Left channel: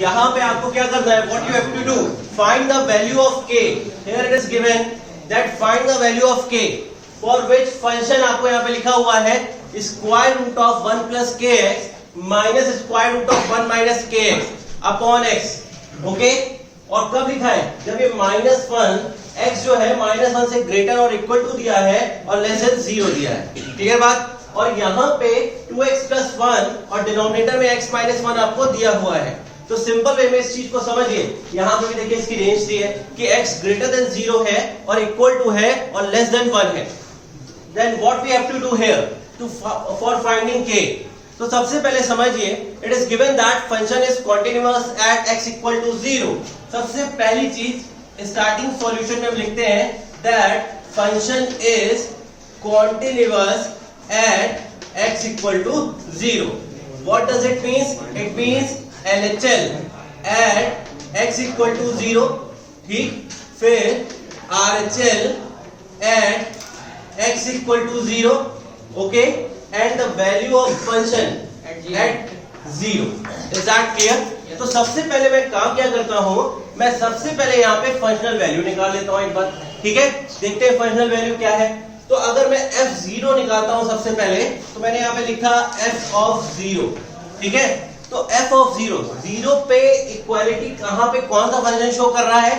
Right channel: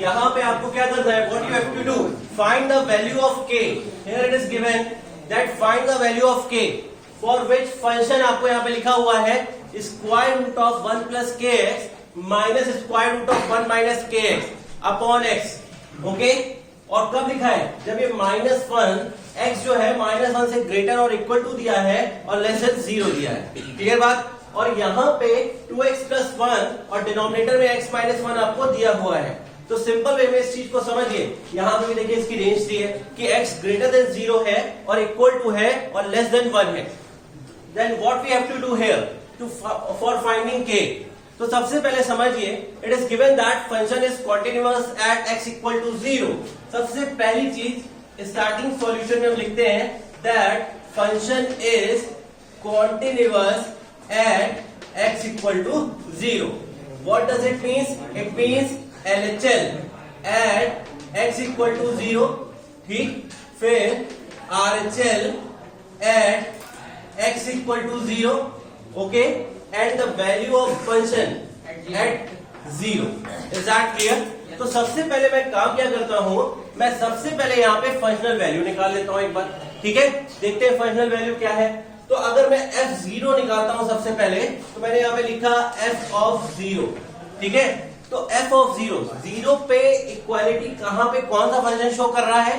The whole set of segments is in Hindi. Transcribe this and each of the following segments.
यहाँ पे आपको क्या करना है, what you have to do, find the value of K. Here it is given that find the value of K for which function आपको यहाँ पे लिखा हुआ है square root of 1 plus K X minus square root of 1 minus K X upon X. Okay, और कब लिखा है, जब ये -1 एक्स जो है -1 से ग्रेटर और इक्वल टू दिया है और लेस देन 0 दिया है। क्लियर बात। और यहाँ पे 2x प्लस 1 और डिनोमिनेटर में x माइनस 1 आपको दिया हुआ है। तो सिंपल वे में इस चीज को समझिए, यहाँ पे भी देखिए इसकी रेंज दी है कि x ग्रेटर देन 0 है और इक्वल टू है और लेस देन 1 है। Then what we have to do here to for finding k। तो सबसे पहले समझिए, it is given that function is continuous at x equal to 0। सबसे पहली चीज स्टार्टिंग सॉल्यूशन में हम लिखते हैं that function is continuous at x equal to 0. What does it means? It means LHL at x equal to 0. ठीक, फिर RHL at x equal to 0. Okay, and the value of function at 0. Is that clear? तो सबसे पहले मैं काम क्या करता हूँ, मैं सबसे पहले यहाँ पे फंक्शनल वैल्यू निकाल लेता हूँ एक बार। ठीक है, देखते हैं फंक्शनल वैल्यू क्या है। तो अगर मैं f0 निकालता हूं सबसे पहले, तो मैंने यहाँ पे लिखा f ऑफ 0। ठीक है, तो f ऑफ 0 पे इक्वालिटी कहां पे कौन सा फंक्शन शो कर रहा है,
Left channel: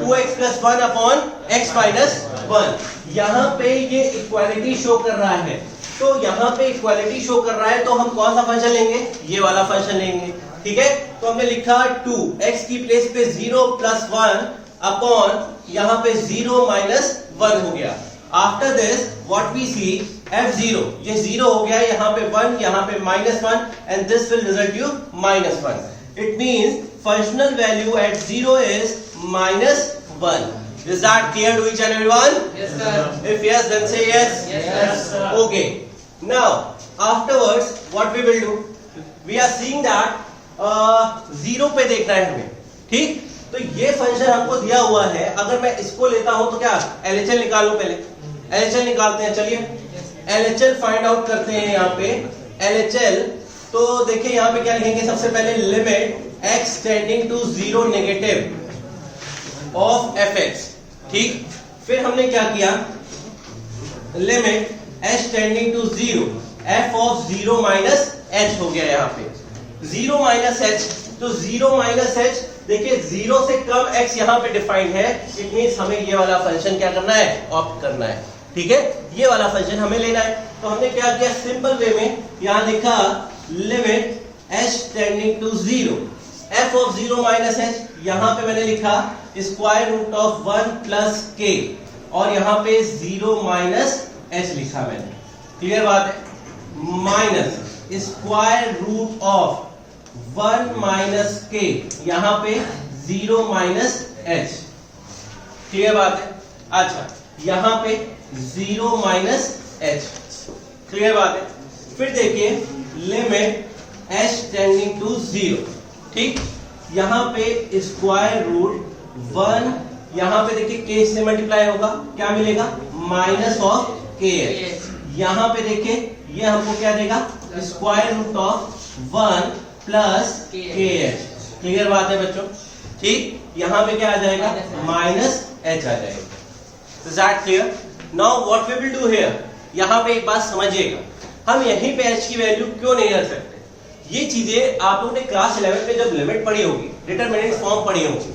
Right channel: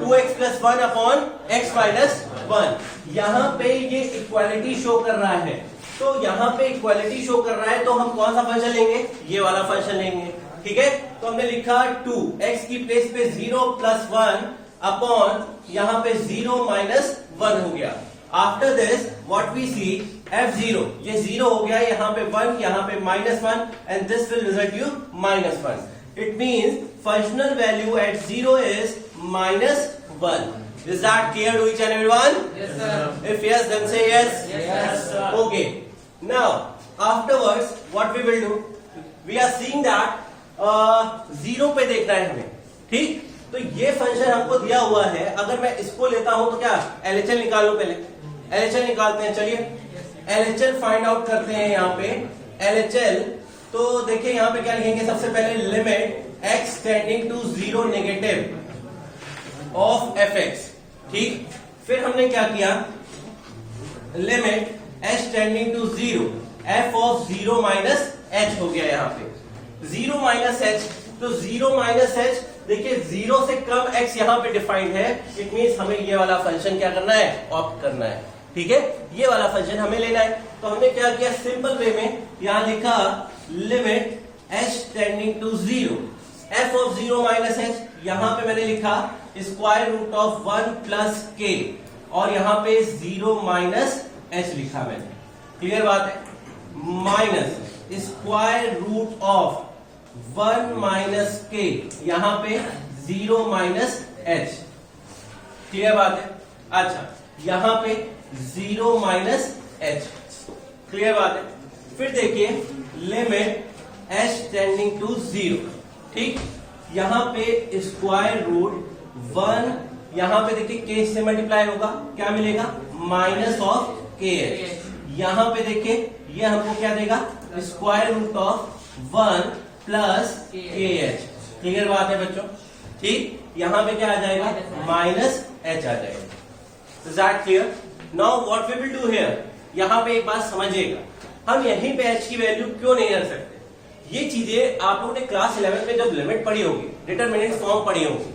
2x plus 1 upon x minus 1। यहाँ पे ये इक्वालिटी शो कर रहा है। तो यहाँ पे इक्वालिटी शो कर रहा है तो हम कौन सा फंक्शन लेंगे, ये वाला फंक्शन लेंगे। ठीक है, तो हमने लिखा 2x की प्लेस पे 0 प्लस 1 अपॉन यहाँ पे 0 माइनस 1 हो गया। After this what we see f0, ये 0 हो गया, यहाँ पे 1, यहाँ पे -1 and this will result you -1। It means functional value at 0 is -1। Is that clear to each and everyone? Yes, sir. If yes, then say yes. Yes, sir. Okay. Now, afterwards, what we will do? We are seeing that 0 पे देखना है हमें। ठीक, तो ये फंक्शन हमको दिया हुआ है। अगर मैं इसको लेता हूं तो क्या LHL निकाल लो, पहले LHL निकालते हैं। चलिए LHL फाइंड आउट करते हैं। यहाँ पे LHL, तो देखिए यहाँ पे क्या लिखेंगे, सबसे पहले limit x tending to 0 negative of fx। ठीक, फिर हमने क्या किया, limit h tending to 0 f of 0 minus h हो गया। यहाँ पे 0 माइनस h, तो 0 माइनस h, देखिए 0 से कम x यहाँ पे डिफाइंड है। इट मींस हमें ये वाला फंक्शन क्या करना है, ऑप्ट करना है। ठीक है, ये वाला फंक्शन हमें लेना है। तो हमने क्या किया, सिंपल वे में यहाँ लिखा limit h tending to 0 f of 0 minus h, यहाँ पे मैंने लिखा square root of 1 plus k, और यहाँ पे 0 माइनस h लिखा मैंने। क्लियर बात है, minus square root of 1 minus k, यहाँ पे 0 माइनस h। क्लियर बात है। अच्छा, यहाँ पे 0 माइनस h। क्लियर बात है। फिर देखिए लिमिट h टेंडिंग टू 0। ठीक, यहाँ पे स्क्वायर रूट 1, यहाँ पे देखिए k से मल्टीप्लाई होगा, क्या मिलेगा, माइनस ऑफ kh। यहाँ पे देखिए ये हमको क्या देगा, square root of 1 plus kh। Clear बात है बच्चों। ठीक, यहाँ पे क्या आ जाएगा, माइनस h आ जाएगा। Is that clear? Now what we will do here? यहाँ पे एक बात समझिएगा, हम यहीं पे h की वैल्यू क्यों नहीं रख सकते। ये चीजें आप लोगों ने क्लास 11 में जब लिमिट पढ़ी होगी, डिटरमिनेंट फॉर्म पढ़ी होगी,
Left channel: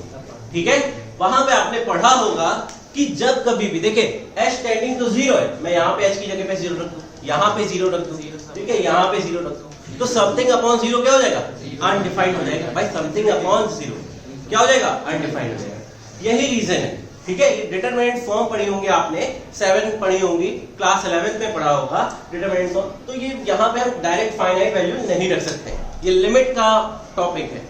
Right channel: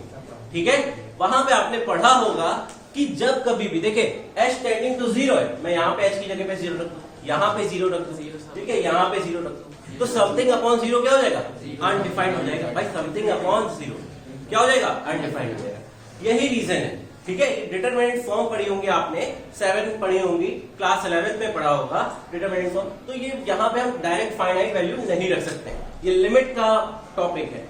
ठीक है, वहां पे आपने पढ़ा होगा कि जब कभी भी देखिए h टेंडिंग टू 0 है, मैं यहाँ पे h की जगह पे 0 रख दूं, यहाँ पे 0 रख दूं, ठीक है, यहाँ पे 0 रख दूं, तो समथिंग अपॉन 0 क्या हो जाएगा, अनडिफाइंड हो जाएगा। भाई समथिंग अपॉन 0 क्या हो जाएगा, अनडिफाइंड हो जाएगा। यही रीजन है। ठीक है, डिटरमिनेंट फॉर्म पढ़ी होंगे आपने, 7 पढ़ी होंगी, क्लास 11 में पढ़ा होगा डिटरमिनेंट फॉर्म। तो ये यहाँ पे हम डायरेक्ट फाइनाइट वैल्यू नहीं रख सकते हैं, ये लिमिट का टॉपिक है।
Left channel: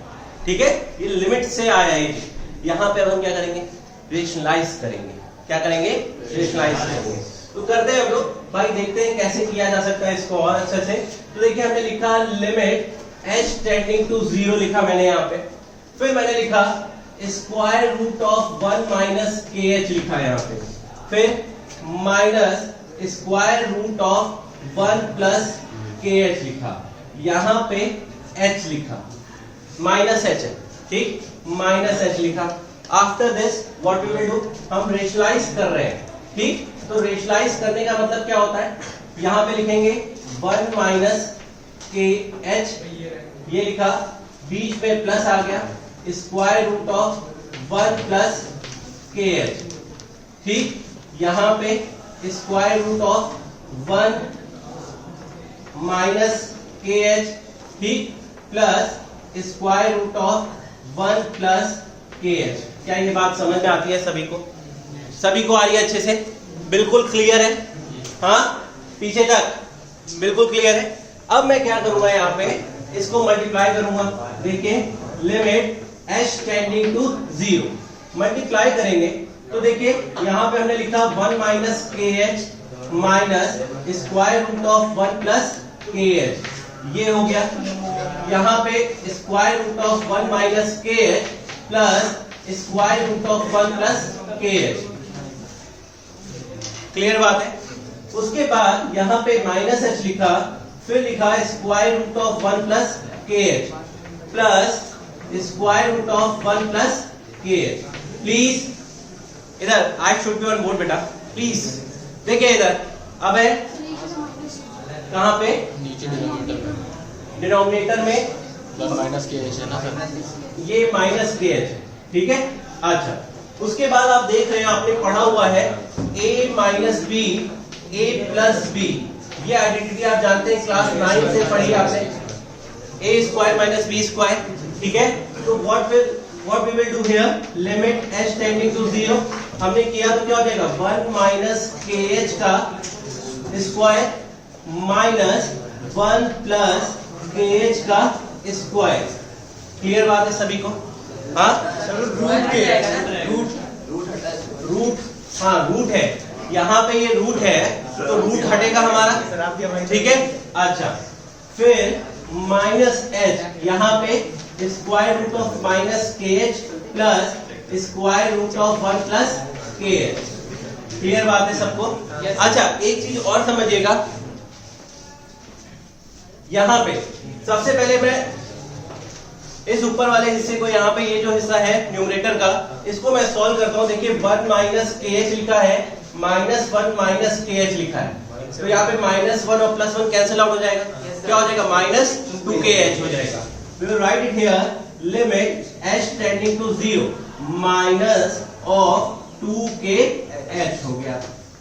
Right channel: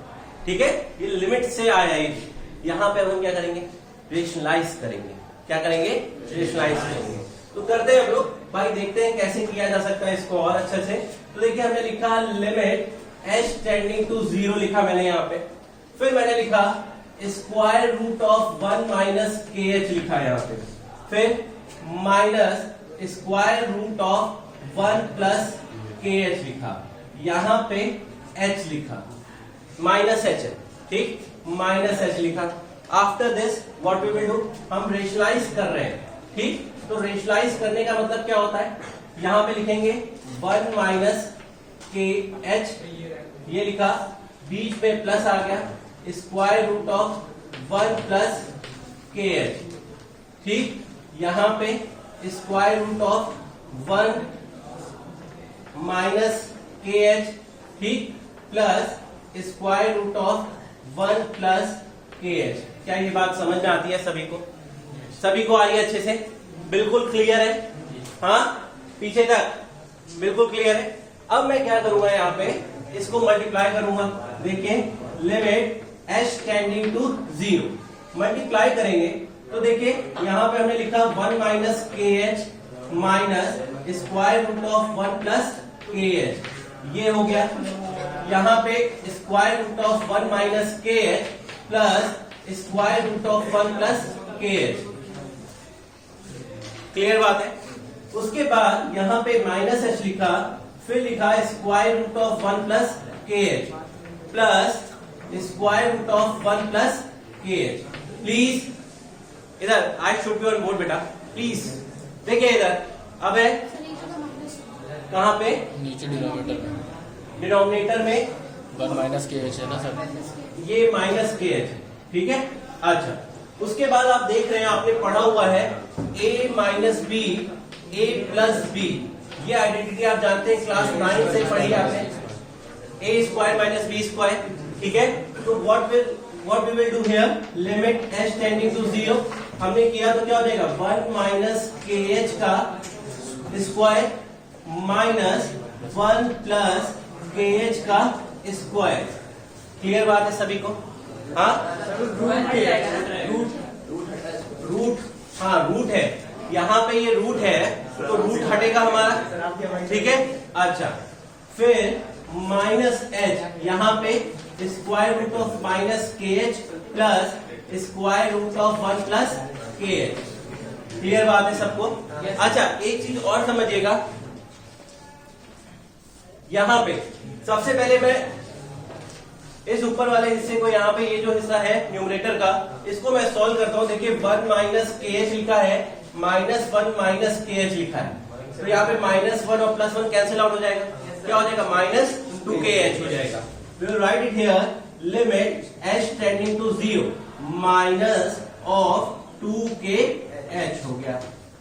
ठीक है, ये लिमिट से आया है। यहाँ पे हम क्या करेंगे, रेशनलाइज करेंगे। क्या करेंगे, रेशनलाइज करेंगे। तो करते हैं हम लोग, भाई देखते हैं कैसे किया जा सकता है इसको और अच्छे से। तो देखिए हमने लिखा लिमिट h टेंडिंग टू 0 लिखा मैंने यहाँ पे, फिर मैंने लिखा square root of 1 minus kh लिखा यहाँ पे, फिर minus square root of 1 plus kh लिखा, यहाँ पे h लिखा। माइनस एच है, ठीक, माइनस एच लिखा। After this what we will do, हम रेशनलाइज कर रहे हैं, ठीक, तो रेशनलाइज करने का मतलब क्या होता है, यहां पे लिखेंगे 1 माइनस के एच, ये लिखा, बीच में प्लस आ गया, स्क्वायर रूट ऑफ 1 प्लस के एच, ठीक, यहां पे स्क्वायर रूट ऑफ 1 माइनस के एच, ठीक, plus square root of 1 plus के एच। क्या ये बात समझ में आती है सभी को? सभी को आ रही है अच्छे से? बिल्कुल क्लियर है? हाँ, पीछे तक बिल्कुल क्लियर है। अब मैं क्या करूंगा, यहाँ पे इसको मल्टीप्लाई करूंगा। देखिए, limit h tending to 0, multiply करेंगे तो देखिए यहां पे हमने लिखा 1 माइनस के h minus square root of 1 plus के एच, ये हो गया। यहां पे स्क्वायर रूट ऑफ 1 माइनस के h plus square root of 1 plus के एच, क्लियर बात है। उसके बाद यहां पे माइनस एच लिखा, फिर लिखा स्क्वायर रूट ऑफ 1 प्लस के h plus square root of 1 plus के एच। प्लीज इधर, I should be on board बेटा, प्लीज देखिए इधर। अब है कहां पे, नीचे डिनोमिनेटर में माइनस के एच है ना सर, ये माइनस के एच, ठीक है। अच्छा, उसके बाद आप देख रहे हैं, आपने पढ़ा हुआ है a minus b a plus b, ये आइडेंटिटी आप जानते हैं, क्लास 9 से पढ़ी आपने, a square minus b square, ठीक है। तो what we will do here, limit h tending to 0 हमने किया तो क्या हो जाएगा, 1 माइनस के एच का स्क्वायर माइनस 1 प्लस के एच का स्क्वायर। क्लियर बात है सभी को? हाँ, रूट, हाँ रूट है, यहाँ पे ये रूट है तो रूट हटेगा हमारा, ठीक है। अच्छा, फिर माइनस एच, यहाँ पे स्क्वायर रूट ऑफ माइनस के h plus square root of 1 plus के एच। क्लियर बात है सबको? अच्छा, एक चीज और समझिएगा, यहाँ पे सबसे पहले मैं इस ऊपर वाले हिस्से को, यहाँ पे ये जो हिस्सा है न्यूमरेटर का, इसको मैं सॉल्व करता हूँ। देखिए 1 माइनस के एच लिखा है, माइनस 1 माइनस के एच लिखा है, तो यहाँ पे माइनस 1 और प्लस 1 कैंसिल आउट हो जाएगा, क्या हो जाएगा, माइनस 2 के एच हो जाएगा। We will write it here, limit h tending to 0 minus of 2 k h हो गया।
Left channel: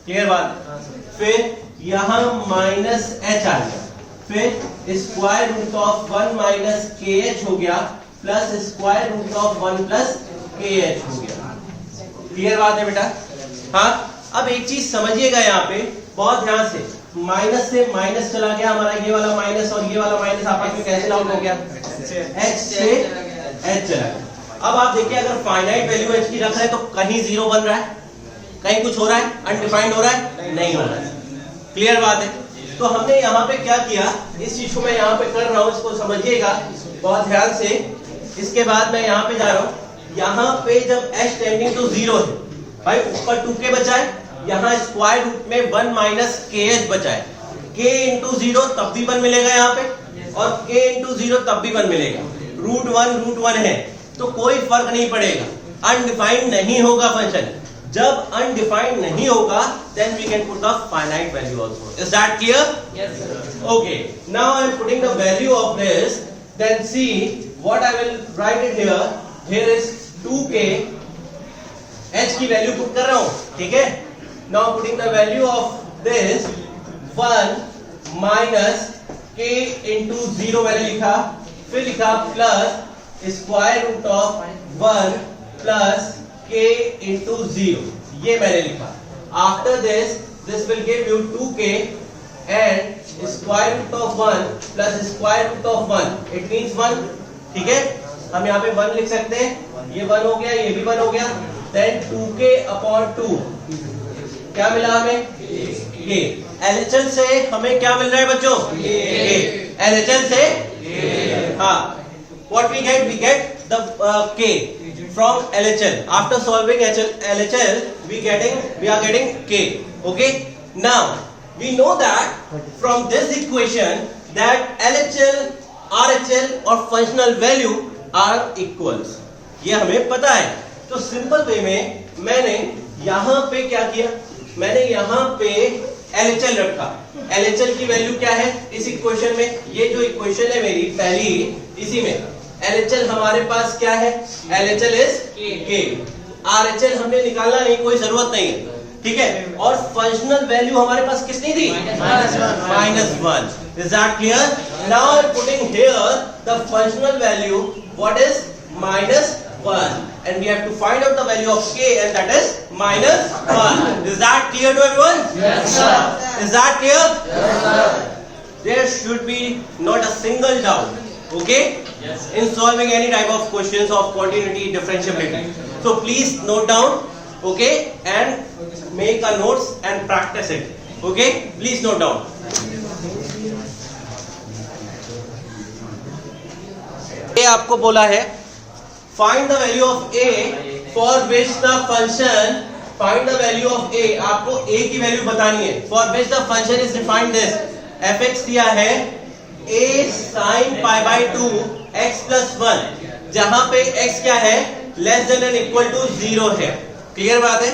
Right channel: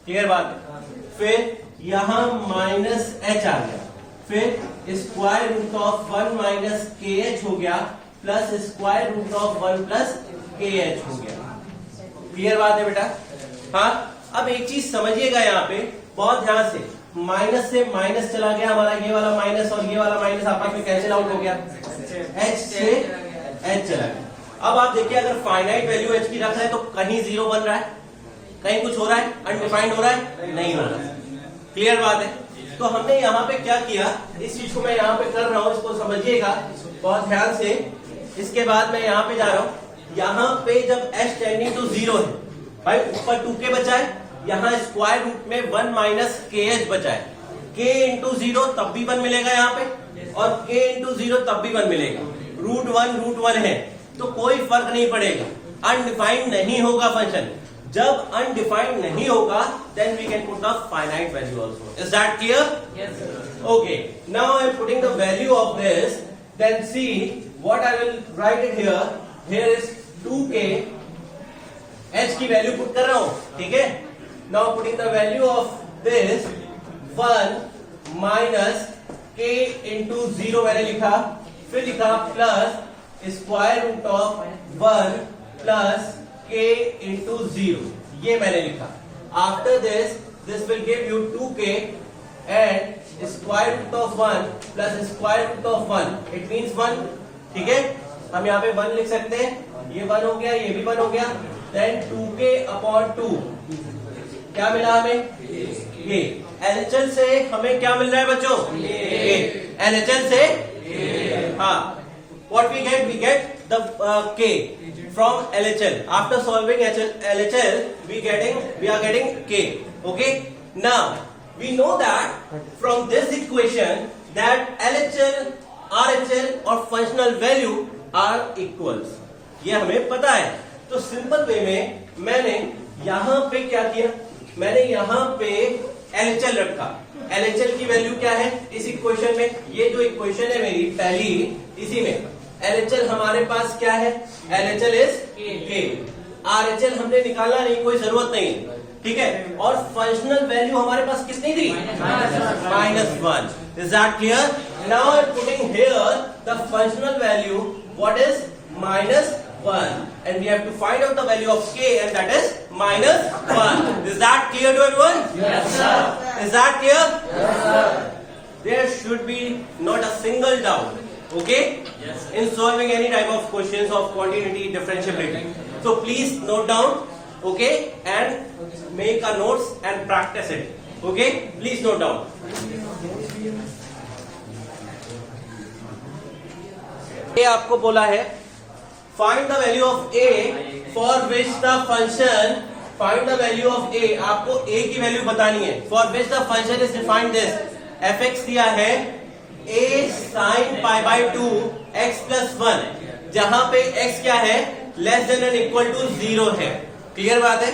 क्लियर बात? फिर यहाँ माइनस एच आ गया, फिर स्क्वायर रूट ऑफ 1 माइनस के एच हो गया plus square root of 1 plus के एच हो गया। क्लियर बात है बेटा? हाँ, अब एक चीज समझिएगा यहाँ पे बहुत ध्यान से, माइनस से माइनस चला गया हमारा, ये वाला माइनस और ये वाला माइनस आपस में कैंसिल आउट हो गया, h से h चला गया। अब आप देखिए, अगर फाइनाइट वैल्यू h की रख रहे हैं तो कहीं 0 बन रहा है, कहीं कुछ हो रहा है, अनडिफाइंड हो रहा है, नहीं हो रहा है। क्लियर बात है? तो हमने यहाँ पे क्या किया, इस चीज को मैं यहाँ पे कर रहा हूँ, इसको समझिएगा बहुत ध्यान से। इसके बाद मैं यहाँ पे जा रहा हूँ, यहाँ पे जब h टेंडिंग टू 0 है, भाई ऊपर 2k बचा है, यहाँ स्क्वायर रूट में 1 माइनस के एच बचा है, k इंटू 0 तब भी 1 मिलेगा यहाँ पे, और k इंटू 0 तब भी 1 मिलेगा। रूट 1 है तो कोई फर्क नहीं पड़ेगा, अनडिफाइंड नहीं होगा फंक्शन। जब अनडिफाइंड नहीं होगा then we can put the finite value also. Is that clear? Yes, sir. Okay, now I am putting the value of this, then see what I will write it here. Here is 2k, h की वैल्यू पुट कर रहा हूं, ठीक है। Now putting the value of this 1 minus k into 0 मैंने लिखा, फिर लिखा plus square root of 1 plus k into 0, ये मैंने लिखा। After this will give you 2k and square root of 1 plus square root of 1, it means 1, ठीक है। हम यहाँ पे 1 लिख सकते हैं, ये 1 हो गया, ये भी 1 हो गया, देन 2k अपॉन 2, क्या मिला हमें, ये। LHL से हमें क्या मिल रहा है बच्चों, ये। LHL से, हाँ, what we get the k from LHL. After solving LHL, we are getting k. Okay. Now we know that from this equation that LHL, RHL or functional value are equals, ये हमें पता है। तो सिंपल वे में मैंने यहां पे क्या किया, मैंने यहां पे LHL रखा। LHL की वैल्यू क्या है इस इक्वेशन में, ये जो इक्वेशन है मेरी पहली, इसी में LHL हमारे पास क्या है, LHL इज K। RHL हमने निकालना नहीं, कोई जरूरत नहीं है, ठीक है। और फंक्शनल वैल्यू हमारे पास कितनी थी, -1। Is that clear? Now I am putting here the functional value, what is -1, and we have to find out the value of K, and that is -1. Is that clear to everyone? Yes, sir. Is that clear? Yes, sir. There should be not a single doubt, okay? Yes. In solving any type of questions of continuity, differentiability. So please note down, okay, and make a notes and practice it, okay? Please note down. ये आपको बोला है find the value of a for which the function, find the value of a, आपको a की वैल्यू बतानी है, for which the function is defined this, fx दिया है a sin pi by 2 x plus 1, जहां पे x क्या है, less than and equal to 0 है। क्लियर बात है?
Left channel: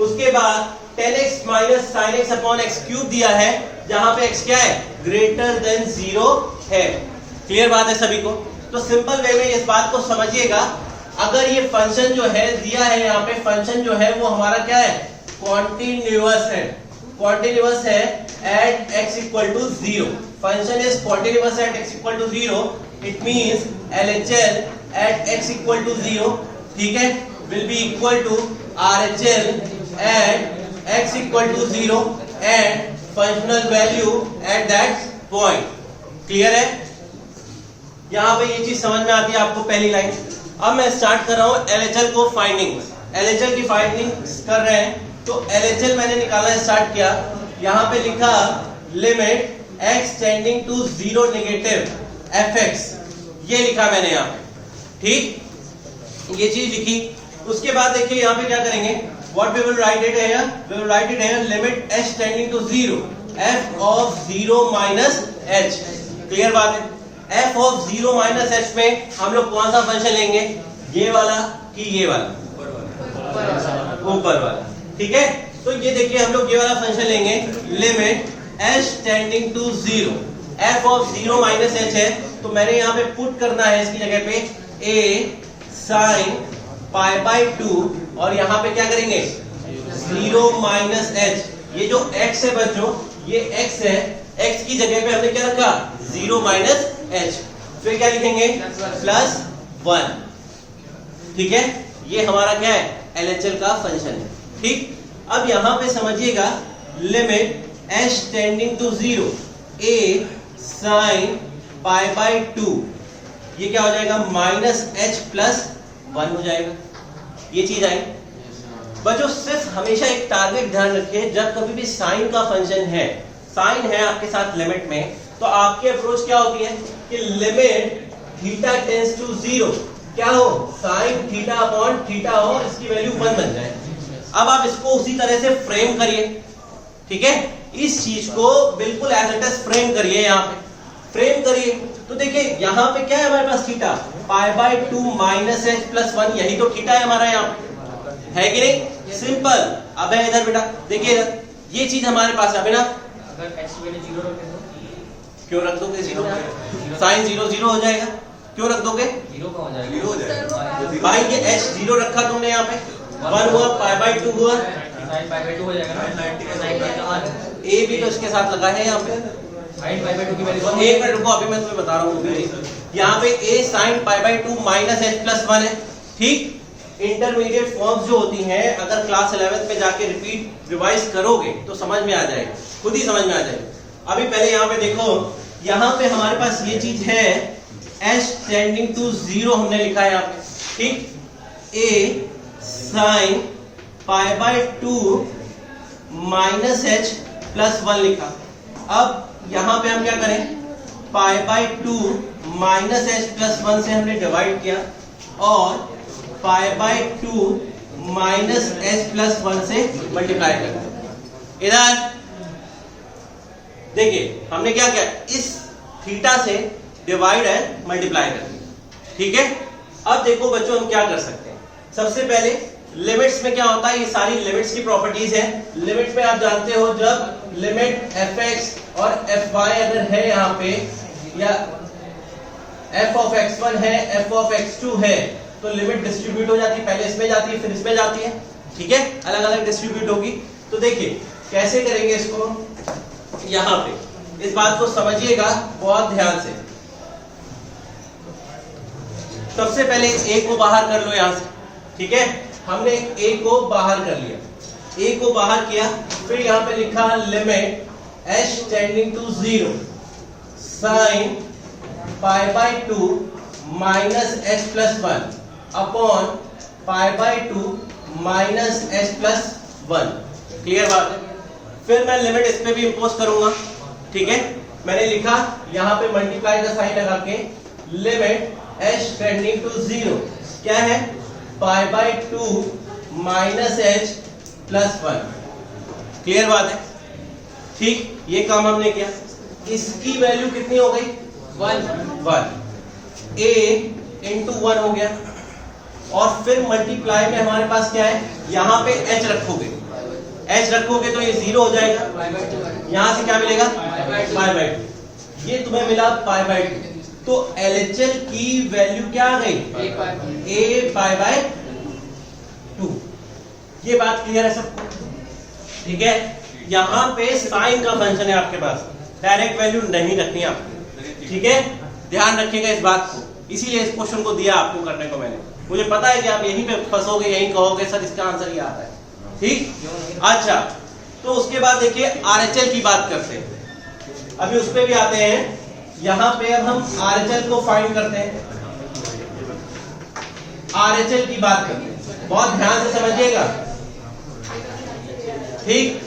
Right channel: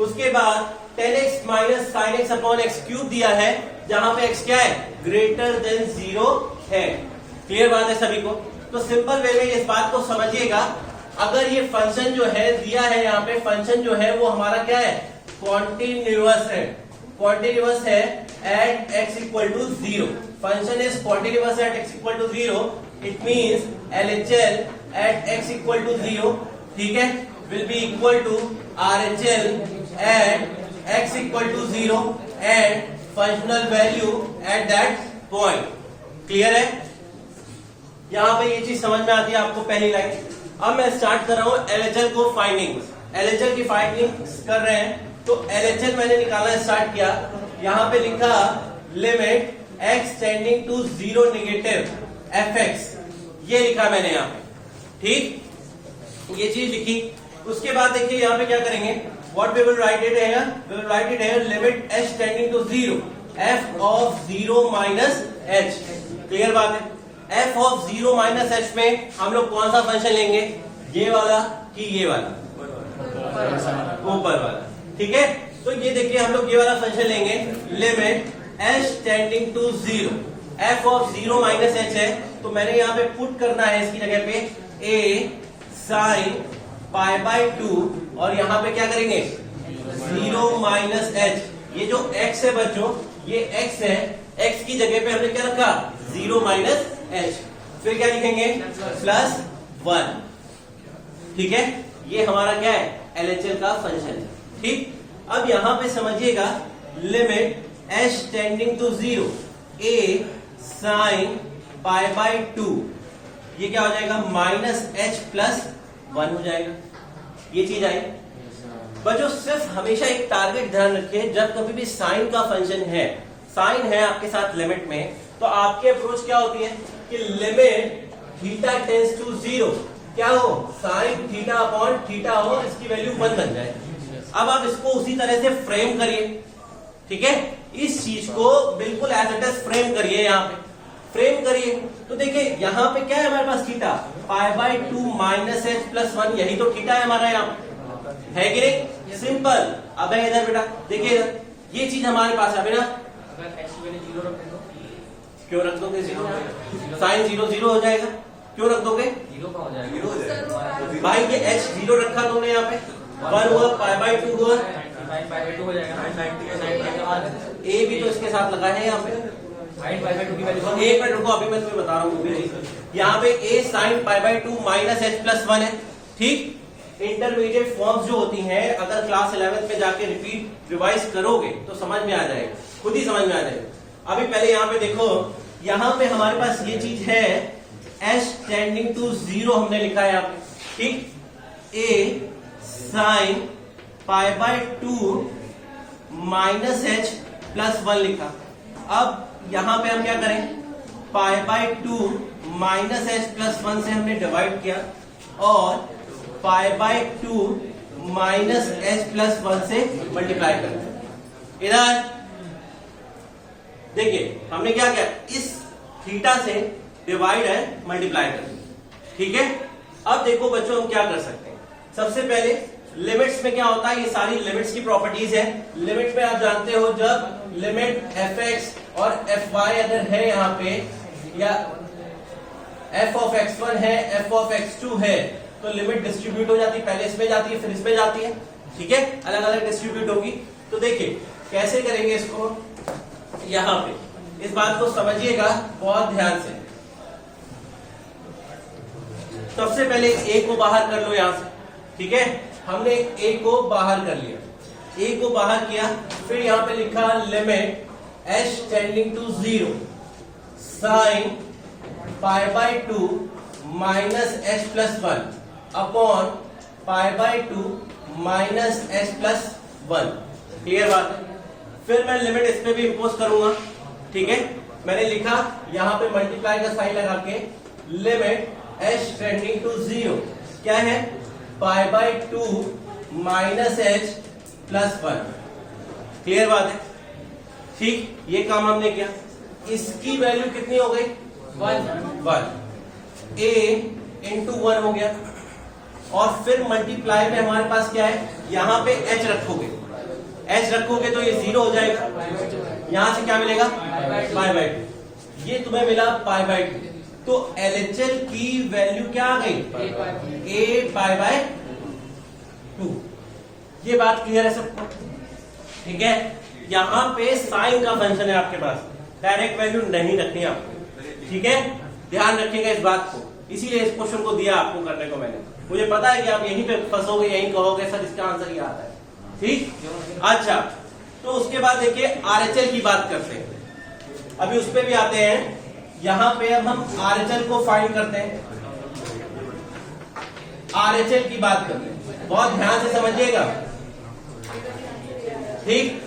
उसके बाद 10x minus sin x upon x cube दिया है, जहां पे x क्या है, ग्रेटर देन 0 है। क्लियर बात है सभी को? तो सिंपल वे में इस बात को समझिएगा, अगर ये फंक्शन जो है दिया है, यहाँ पे फंक्शन जो है वो हमारा क्या है, कॉन्टिन्यूअस है, कॉन्टिन्यूअस है at x equal to 0। Function is continuous at x equal to 0, it means LHL at x equal to 0, ठीक है, will be equal to RHL at x equal to 0 and functional value at that point. Clear है? यहां पे ये चीज समझ में आती है आपको, पहली लाइन। अब मैं स्टार्ट कर रहा हूं LHL को फाइंडिंग, LHL की फाइंडिंग कर रहे हैं। तो LHL मैंने निकालना स्टार्ट किया, यहां पे लिखा limit x tending to 0 negative fx, ये लिखा मैंने यहाँ पे, ठीक, ये चीज लिखी। उसके बाद देखिए यहाँ पे क्या करेंगे, what we will write it here, we will write it here limit h tending to 0 f of 0 minus h। Clear बात है? f ऑफ 0 माइनस h में हम लोग कौन सा फंक्शन लेंगे, ये वाला कि ये वाला, ऊपर वाला, ठीक है। तो ये देखिए हम लोग ये वाला फंक्शन लेंगे, limit h tending to 0 f of 0 minus h है, तो मैंने यहाँ पे पुट करना है इसकी जगह पे a sin पाई बाई 2, और यहाँ पे क्या करेंगे 0 माइनस h। ये जो x है बच्चों, ये x है, x की जगह पे हमने क्या रखा 0 माइनस h, फिर क्या लिखेंगे प्लस 1, ठीक है। ये हमारा क्या है, LHL का फंक्शन है, ठीक। अब यहां पे समझिएगा limit h tending to 0 a sin pi by 2, ये क्या हो जाएगा माइनस h प्लस 1 हो जाएगा, ये चीज आई। बच्चों सिर्फ हमेशा एक टारगेट ध्यान रखिए, जब कभी भी साइन का फंक्शन है, साइन है आपके साथ लिमिट में, तो आपकी अप्रोच क्या होती है कि लिमिट थीटा टेंड्स टू 0 क्या हो, साइन थीटा अपॉन थीटा हो, इसकी वैल्यू 1 बन जाए। अब आप इसको उसी तरह से फ्रेम करिए, ठीक है, इस चीज को बिल्कुल एज इट इज फ्रेम करिए, यहाँ पे फ्रेम करिए। तो देखिए यहाँ पे क्या है हमारे पास theta, pi by 2 minus h plus 1, यही तो थीटा है हमारा, यहाँ है कि नहीं, सिंपल। अब है इधर बेटा, देखिए इधर ये चीज हमारे पास है ना, अगर x की वैल्यू 0 रख दो, क्यों रख दोगे 0, साइन 0 0 हो जाएगा, क्यों रख दोगे 0 का हो जाएगा भाई, ये h 0 रखा तुमने यहाँ पे, 1 हुआ, पाई बाई 2 हुआ, sin pi by 2 हो जाएगा ना, a भी तो इसके साथ लगा है यहाँ पे, sin pi by 2 की वैल्यू एक मिनट रुको, अभी मैं तुम्हें बता रहा हूँ। यहाँ पे a sin pi by 2 minus h plus 1 है, ठीक। इंटरमीडिएट फॉर्म्स जो होती हैं, अगर क्लास 11th में जाके रिपीट रिवाइज करोगे तो समझ में आ जाएगा, खुद ही समझ में आ जाएगा। अभी पहले यहाँ पे देखो, यहाँ पे हमारे पास ये चीज है h टेंडिंग टू 0 हमने लिखा है यहाँ पे, ठीक, a sin pi by 2 minus h plus 1 लिखा। अब यहाँ पे हम क्या करें, पाई बाई 2 माइनस h प्लस 1 से हमने डिवाइड किया, और पाई बाई 2 माइनस h प्लस 1 से मल्टीप्लाई कर दिया। इधर देखिए हमने क्या किया, इस थीटा से डिवाइड एंड मल्टीप्लाई कर दिया, ठीक है। अब देखो बच्चों हम क्या कर सकते हैं। सबसे पहले लिमिट्स में क्या होता है, ये सारी लिमिट्स की प्रॉपर्टीज है। लिमिट में आप जानते हो जब लिमिट fx और fy अगर है यहाँ पे, या f of x1 है f of x2 है, तो लिमिट डिस्ट्रीब्यूट हो जाती है, पहले इसमें जाती है फिर इसमें जाती है, ठीक है, अलग अलग डिस्ट्रीब्यूट होगी। तो देखिए कैसे करेंगे इसको, यहाँ पे इस बात को समझिएगा बहुत ध्यान से। सबसे पहले a को बाहर कर लो यहां से, ठीक है, हमने a को बाहर कर लिया, a को बाहर किया, फिर यहां पे लिखा limit h tending to 0 sine pi by 2 minus h plus 1 upon pi by 2 minus h plus 1। Clear बात है। फिर मैं लिमिट इस पे भी इंपोज करूंगा, ठीक है, मैंने लिखा यहां पे मल्टीप्लाई का साइन लगा के लिमिट h टेंडिंग टू 0 क्या है, पाई by 2 minus h plus 1। Clear बात है, ठीक, ये काम हमने किया। इसकी वैल्यू कितनी हो गई, 1 a इंटू 1 हो गया, और फिर मल्टीप्लाई में हमारे पास क्या है, यहां पे h रखोगे, h रखोगे तो ये 0 हो जाएगा, यहां से क्या मिलेगा, पाई बाय 2, ये तुम्हें मिला पाई बाय 2। तो LHL की वैल्यू क्या आ गई, a पाई बाय 2। ये बात क्लियर है सबको, ठीक है। यहां पे साइन का फंक्शन है आपके पास, डायरेक्ट वैल्यू नहीं रखनी है आपको, ठीक है, ध्यान रखिएगा इस बात को, इसीलिए इस क्वेश्चन को दिया आपको करने को मैंने। मुझे पता है कि आप यहीं पे फंसोगे, यहीं कहोगे सर इसका आंसर ये आता है, ठीक। अच्छा, तो उसके बाद देखिए RHL की बात करते हैं, अभी उस पे भी आते हैं। यहां पे अब हम RHL को फाइंड करते हैं, RHL की बात करते हैं, बहुत ध्यान से समझिएगा, ठीक।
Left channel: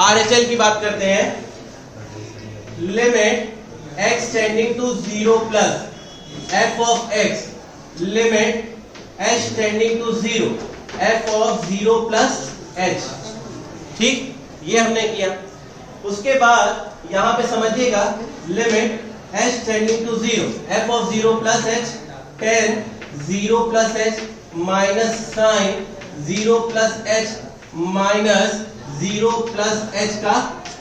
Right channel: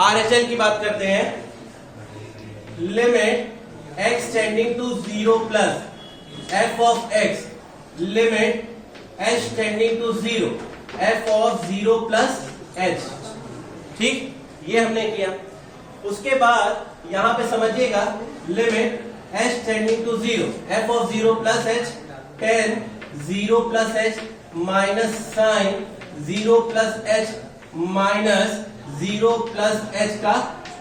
RHL की बात करते हैं, limit x tending to 0 plus f of x limit h tending to 0 f of 0 plus h, ठीक, ये हमने किया। उसके बाद यहां पे समझिएगा limit h tending to 0 f of 0 plus h tan 0 plus h minus sine 0 plus h minus 0 plus h का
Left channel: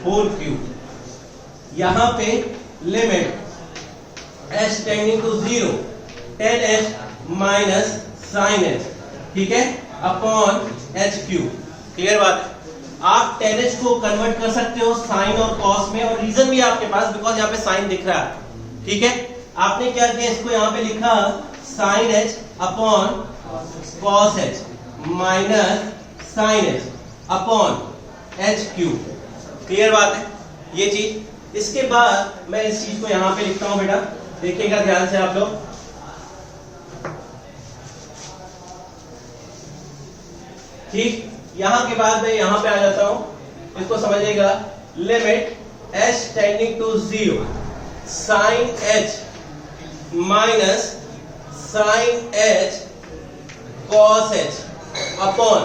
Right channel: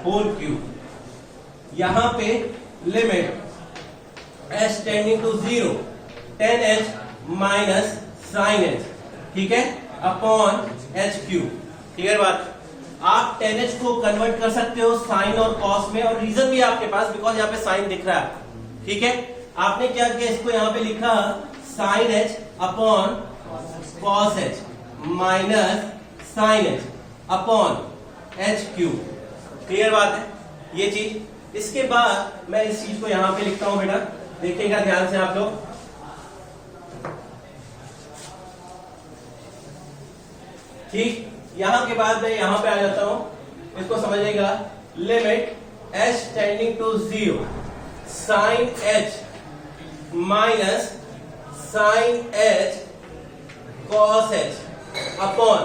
होल क्यूब। यहां पे limit h tending to 0 tan h minus sine h, ठीक है, अपॉन h क्यूब। क्लियर बात। आप tan h को कन्वर्ट कर सकते हो साइन और कॉस में, और रीजन भी आपके पास, बिकॉज यहाँ पे साइन दिख रहा है, ठीक है। आपने क्या किया, इसको यहाँ पे लिखा sine h upon cos h minus sine h upon h cube. Clear बात है ये चीज। इसके बाद मैं इस चीज को यहां पे लिखता हूं, बेटा देखिएगा ध्यान से आप लोग, ठीक। यहां के बाद मैं यहां पे आ जाता हूं, इसको समझिएगा, limit h tending to 0 sine h minus sine h cos h upon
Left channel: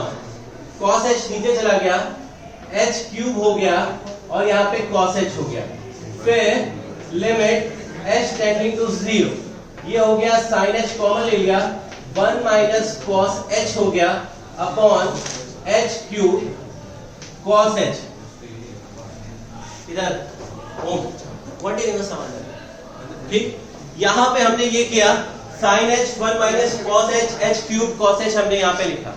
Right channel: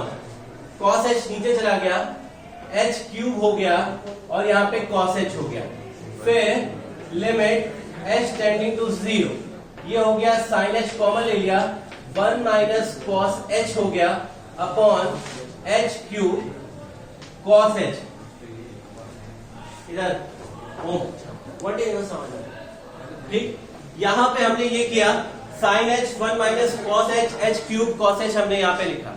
cos h नीचे चला गया, h क्यूब हो गया, और यहां पे कॉस h हो गया। फिर लिमिट h टेंडिंग टू 0, ये हो गया साइन h कॉमन ले लिया, 1 माइनस कॉस h हो गया upon h cube cos h। इधर व्हाट इज समझ, ठीक। यहां पे हमने ये किया sine h 1 minus cos h h cube cos h हमने यहां पे लिखा।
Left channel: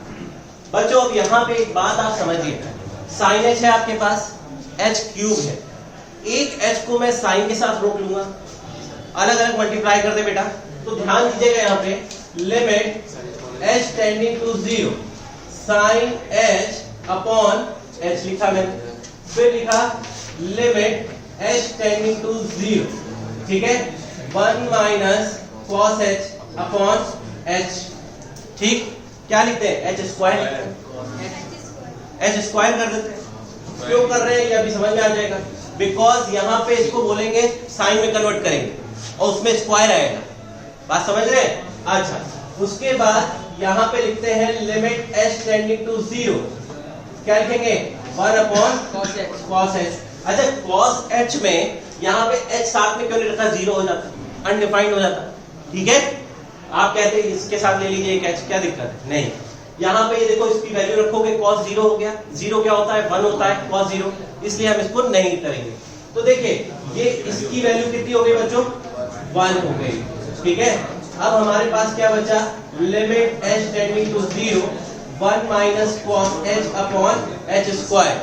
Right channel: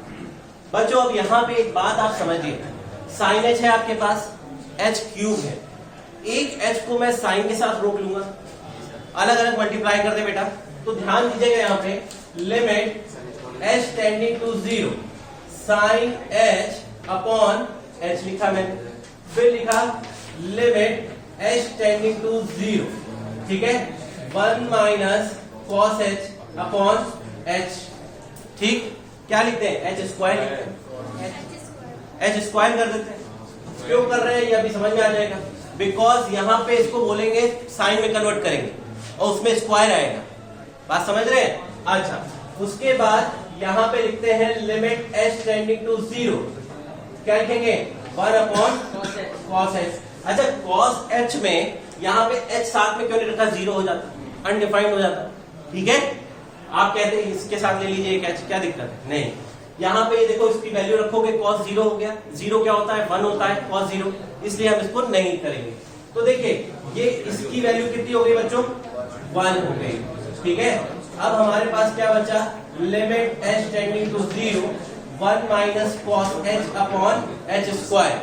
बच्चों अब यहां पे एक बात आप समझिए, साइन h है आपके पास, h क्यूब है, एक h को मैं साइन के साथ रोक लूंगा, अलग अलग मल्टीप्लाई कर दे बेटा। तो ध्यान दीजिएगा यहां पे limit h tending to 0 sine h upon h लिखा मैंने, फिर लिखा लिमिट h टेंडिंग टू 0, ठीक है, 1 minus cos h upon h, ठीक। क्या लिखते हैं, h स्क्वायर लिखते हैं, h स्क्वायर कर देते हैं। क्यों कर रहे हैं ये अभी समझ में आ जाएगा, बिकॉज यहां पे इसको बोलेंगे साइन में कन्वर्ट करेंगे और उसमें स्क्वायर आएगा, बात समझ रहे हैं। अच्छा, उसके बाद यहां पे लिखते हैं लिमिट h टेंडिंग टू 0, क्या लिखेंगे, 1 अपॉन कॉस h। अच्छा, कॉस h में यहां पे h साथ में क्यों नहीं रखा, 0 हो जाता, अनडिफाइंड हो जाता, ठीक है। आप कहते हैं इसके साथ ले लीजिए एक एच, क्या दिक्कत है? नहीं, यहाँ पे ये देखो इसकी वैल्यू रखोगे cos 0 हो गया, 0 क्या होता है 1 होता है cos 0, इसलिए हम इसको नहीं करेंगे। तो देखिए ये इसकी वैल्यू कितनी हो गई बच्चों 1 हो गई, ठीक है। अब हमारे पास क्या बचा, limit h tending to 0 1 minus cos h upon h square.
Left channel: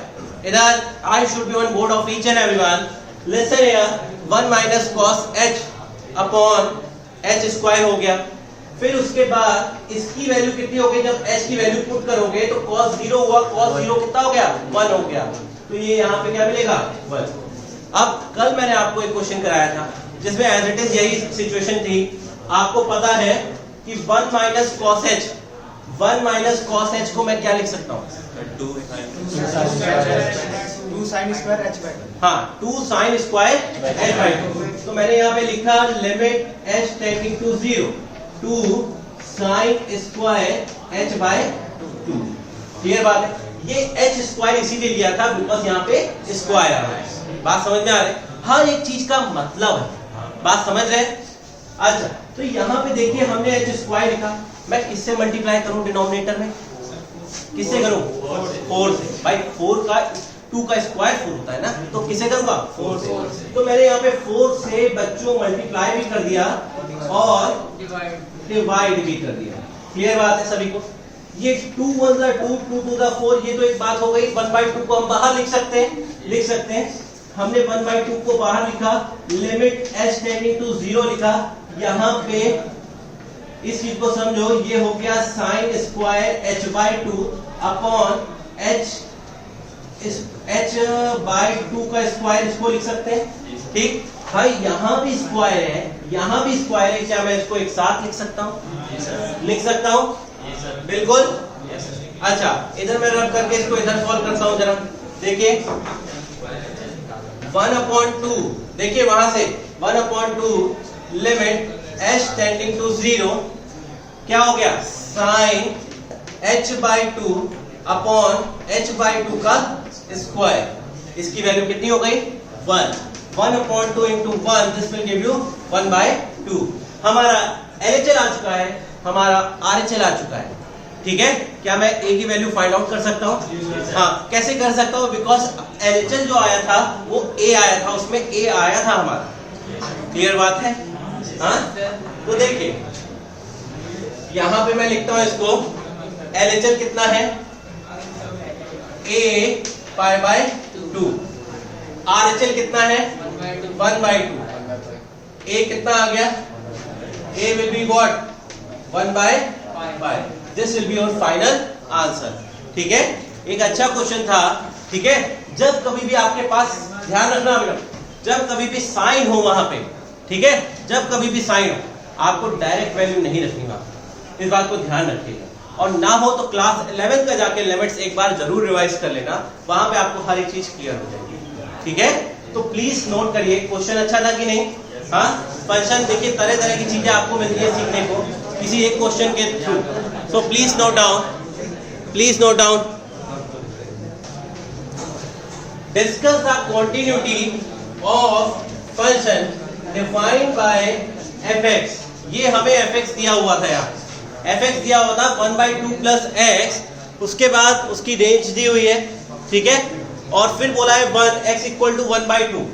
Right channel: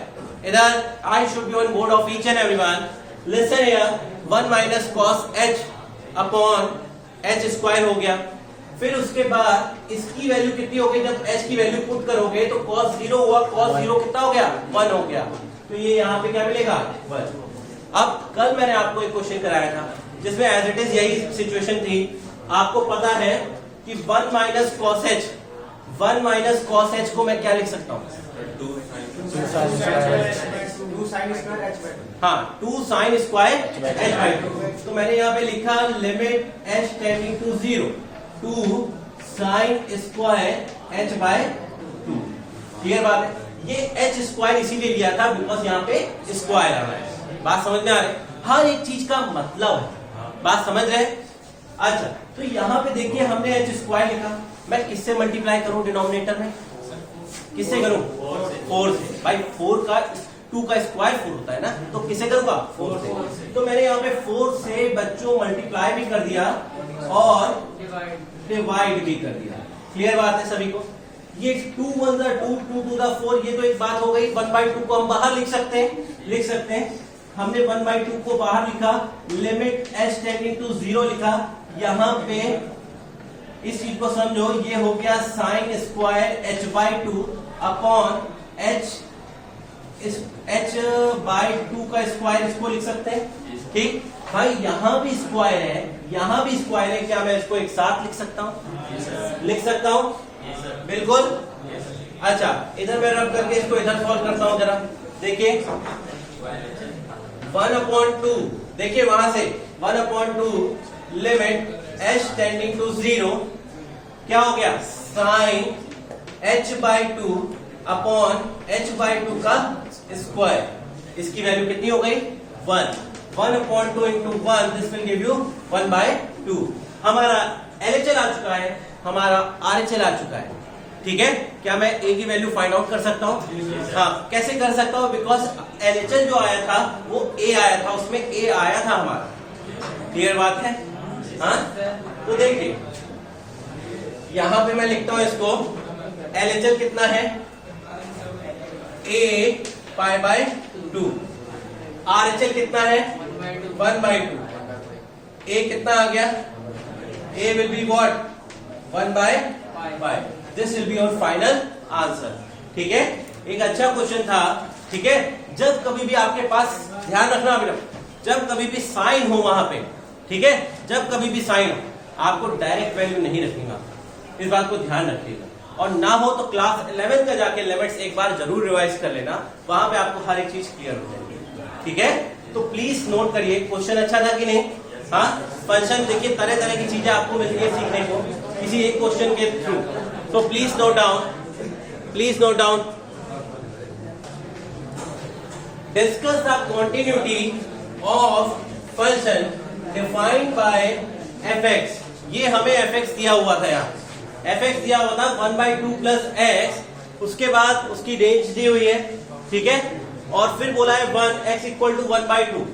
इधर I should be on board of each and everyone, listen here 1 minus cos h upon h square हो गया। फिर उसके बाद इसकी वैल्यू कितनी हो गई, जब h की वैल्यू पुट करोगे तो cos 0 हुआ, cos 0 कितना हो गया 1 हो गया, तो ये यहाँ पे क्या मिलेगा 1। अब कल मैंने आपको एक क्वेश्चन कराया था जिसमें एज इट इज यही सिचुएशन थी। आपको पता है कि 1 minus cos h, 1 minus cos h को मैं क्या लिख सकता हूँ, 2 sin स्क्वायर h बाय 2। हाँ 2 sin स्क्वायर h बाय 2। तो मैंने यहाँ पे लिखा limit h tending to 0 2 sin square h by 2। क्लियर बात है, ये h स्क्वायर इसीलिए लिया था बिकॉज यहाँ पे स्क्वायर आ रहा है। बात समझ में आ रही है, हर एक चीज का मतलब है, बात समझ रहे हैं। अच्छा तो यहाँ पे देखिए हमने h स्क्वायर लिखा, मैं किससे मल्टीप्लाई करूं डिनोमिनेटर में, किससे करूं 4 से। भाई 4 का 2 का स्क्वायर 4 होता है ना, तो किसे करूंगा 4 से। तो मैंने यहाँ पे 4 से बच्चों मल्टीप्लाई भी कर दिया और डिवाइड भी कर दिया। क्लियर बात है सभी को, ये 2 1 2 2 टू द 4, ये तो एक बात हो गई। 1/2 को हम बाहर लिख सकते हैं, हमने 1/2 को बाहर लिखा, लिमिट h टेंडिंग टू 0 लिखा। यहाँ पे इस चीज को समझो, ये हो गया sine square h by 2 upon h by 2 का स्क्वायर, इसको लिख सकते हैं, ठीक। भाई यहाँ भी स्क्वायर है, यहाँ भी स्क्वायर है, क्या मैं इसको एक साथ लिख सकता हूँ, लिख सकता हूँ बिल्कुल। अच्छा इधर मैं रब करके इसको इधर सॉल्व करता हूँ, जरा देखिए 1/2, देखिए वहां से 1/2 लिमिट h टेंडिंग टू 0 क्या हो गया sine h by 2 upon h by 2 का स्क्वायर, इसकी वैल्यू कितनी हो गई 1। 1/2 into 1 this will give you 1/2। हमारा LHL आ चुका है, हमारा RHL आ चुका है, ठीक है। क्या मैं a की वैल्यू फाइंड आउट कर सकता हूँ? हाँ कैसे कर सकता हूँ, बिकॉज LHL जो आया था वो a आया था, उसमें a आया था हमारा। क्लियर बात है, हाँ। तो देखिए यहां पे मैं लिखता हूं इसको, LHL कितना है a पाई बाय 2, RHL कितना है 1/2, a कितना आ गया, a will be what 1/5। This will be your final answer, ठीक है। एक अच्छा क्वेश्चन था, ठीक है। जब कभी भी आपके पास, ध्यान रखना बेटा, जब कभी भी साइन हो वहां पे, ठीक है, जब कभी भी साइन हो आपको डायरेक्ट वैल्यू नहीं रखनी वहां, इस बात को ध्यान रखिएगा। और ना हो तो क्लास 11 का जाके लिमिट्स एक बार जरूर रिवाइज कर लेना, वहां पे आपको हर एक चीज क्लियर हो जाएगी, ठीक है। तो प्लीज नोट करिए, क्वेश्चन अच्छा था कि नहीं। हाँ फंक्शन देखिए तरह तरह की चीजें आपको मिलती है सीखने को किसी एक क्वेश्चन के थ्रू, तो please note down. Discuss the continuity of function defined by fx। ये हमें fx दिया हुआ था, यहाँ fx दिया हुआ था 1/2 प्लस x, उसके बाद उसकी रेंज दी हुई है, ठीक है। और फिर बोला है 1x इक्वल टू 1/2,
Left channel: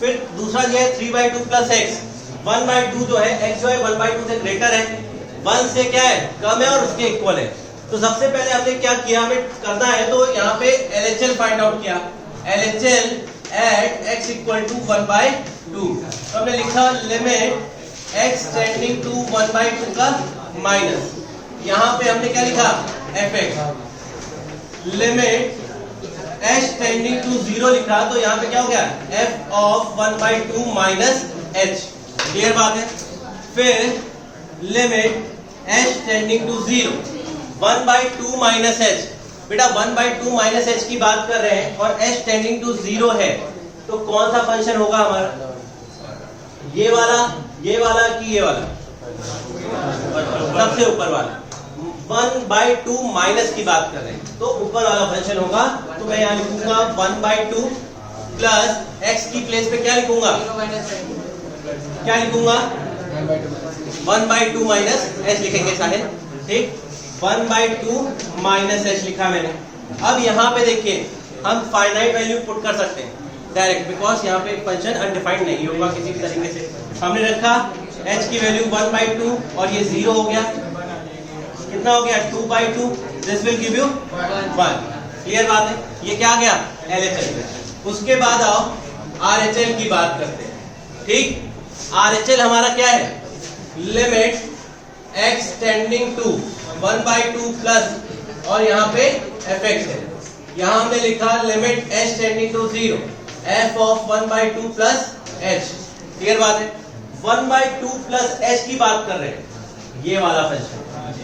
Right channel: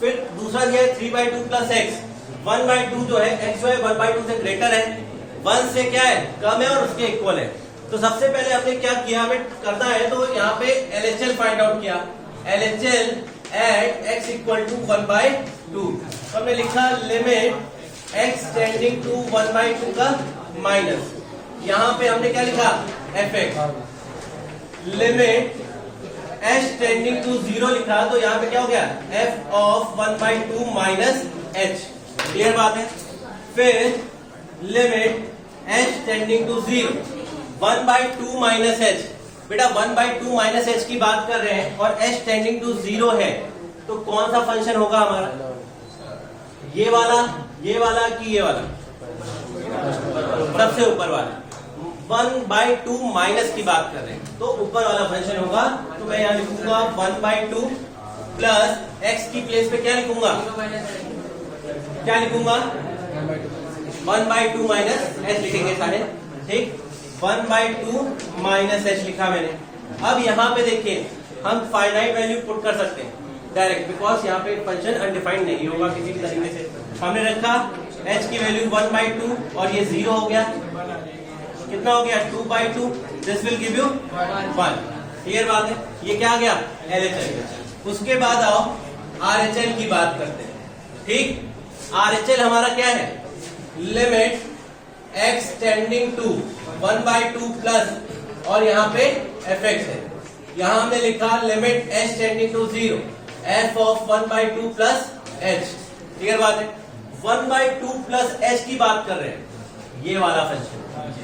फिर दूसरा दिया है 3/2 प्लस x। 1/2 जो है x जो है 1/2 से ग्रेटर है, 1 से क्या है कम है और उसके इक्वल है। तो सबसे पहले हमने क्या किया, हमें करना है तो यहाँ पे LHL फाइंड आउट किया, LHL at x equal to 1/2। हमने लिखा लिमिट x टेंडिंग टू 1/2 का माइनस, यहाँ पे हमने क्या लिखा fx, limit h tending to 0 लिखा, तो यहाँ पे क्या हो गया f of 1/2 minus h। Clear बात है। फिर limit h tending to 0 1/2 minus h, बेटा 1/2 माइनस h की बात कर रहे हैं और h टेंडिंग टू 0 है, तो कौन सा फंक्शन होगा हमारा, ये वाला कि ये वाला, सबसे ऊपर वाला। 1/2 माइनस की बात कर रहे हैं तो ऊपर वाला फंक्शन होगा, तो मैं यहाँ लिखूंगा 1/2 प्लस x की प्लेस पे क्या लिखूंगा, 1/2 माइनस एच लिखेंगे सारे, ठीक। 1/2 माइनस एच लिखा मैंने। अब यहाँ पे देखिए हम फाइनाइट वैल्यू पुट कर सकते हैं डायरेक्ट, बिकॉज यहाँ पे फंक्शन अनडिफाइंड नहीं होगा किसी भी तरीके से। हमने रखा h की वैल्यू 1/2 और ये 0 हो गया, कितना हो गया 2/2, this will give you 1। Clear बात है, ये क्या आ गया LHL। उसके बाद आओ RHL की बात करते हैं, ठीक। RHL हमारा क्या है, limit x tending to 1/2 plus और यहाँ पे fx है। यहाँ हमने लिखा limit h tending to 0 f of 1/2 plus h। Clear बात है, 1/2 प्लस h की बात कर रहे हैं, ये वाला फंक्शन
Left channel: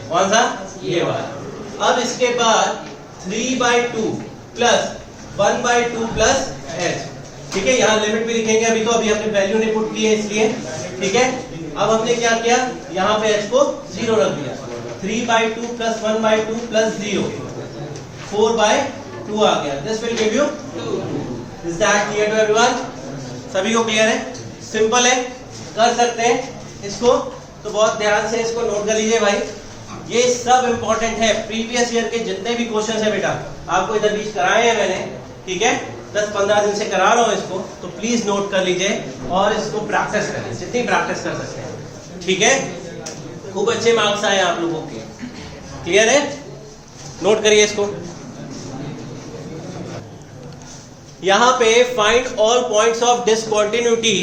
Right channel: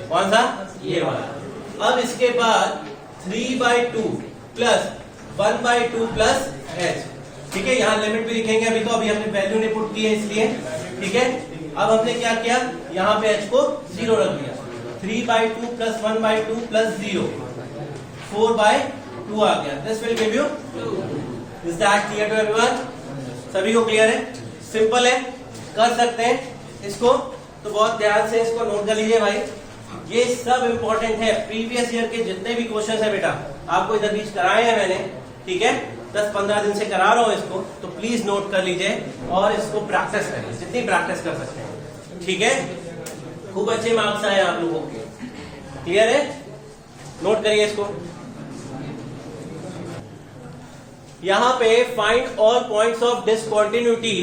कौन सा, ये वाला। अब इसके बाद 3/2 प्लस 1/2 प्लस h, ठीक है। यहाँ लिमिट भी लिखेंगे, अभी तो अभी हमने वैल्यू नहीं पुट की है इसलिए, ठीक है। अब हमने क्या किया, यहाँ पे h को 0 रख दिया, 3/2 प्लस 1/2 प्लस 0, 4/2 आ गया, this will give you 2। Is that clear to everyone? सभी को क्लियर है, सिंपल है, कर सकते हैं इसको। तो बहुत ध्यान से इसको नोट कर लीजिए भाई, ये सब इंपॉर्टेंट है। प्रीवियस ईयर के जितने भी क्वेश्चन है बेटा, आपको इधर बीच कराए हैं मैंने, ठीक है। 10-15 दिन से करा रहा हूं इसको, तो प्लीज नोट कर लीजिए और इसको प्रैक्टिस करें, जितनी प्रैक्टिस कर सकते हैं, ठीक है। खूब अच्छे मार्क्स आए आप लोगों के, क्लियर है, नोट करिए इसको। यहां पे find all points of discontinuity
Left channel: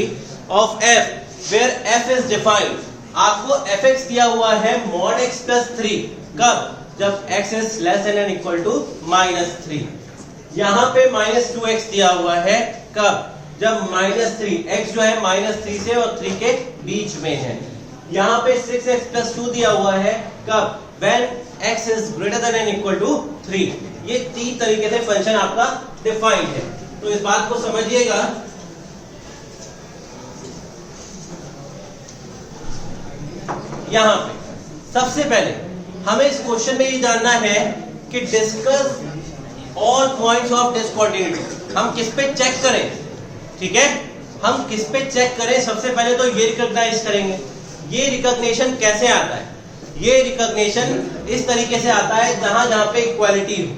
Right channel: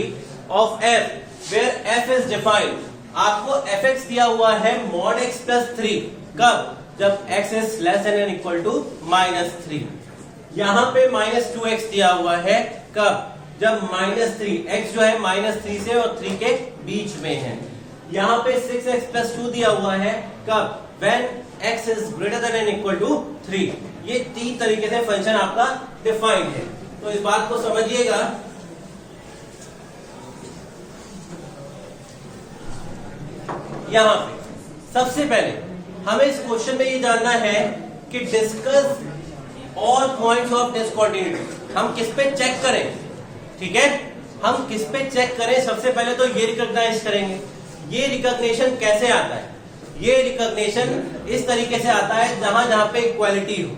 of f where f is defined. आपको fx दिया हुआ है mod x प्लस 3, कब, जब x is less than and equal to -3। यहाँ पे -2x दिया हुआ है, कब, जब -3, x जो है -3 से और 3 के बीच में है। यहाँ पे 6x प्लस 2 दिया हुआ है, कब, when x is greater than and equal to 3। ये 3 तरीके से फंक्शन आपका डिफाइंड है, तो इस बात को समझिएगा। यहाँ पे सबसे पहले हमें इस क्वेश्चन में ये जानना है कि discuss all points of discontinuity. हम किस पे चेक करें, ठीक है, हम किस पे चेक करें। सबसे पहले तो ये रिकॉग्नाइज करेंगे। ये रिकॉग्निशन कैसे आता है, ये रिकॉग्निशन इस तरीके से आता है जहां जहां पे इक्वालिटी हो,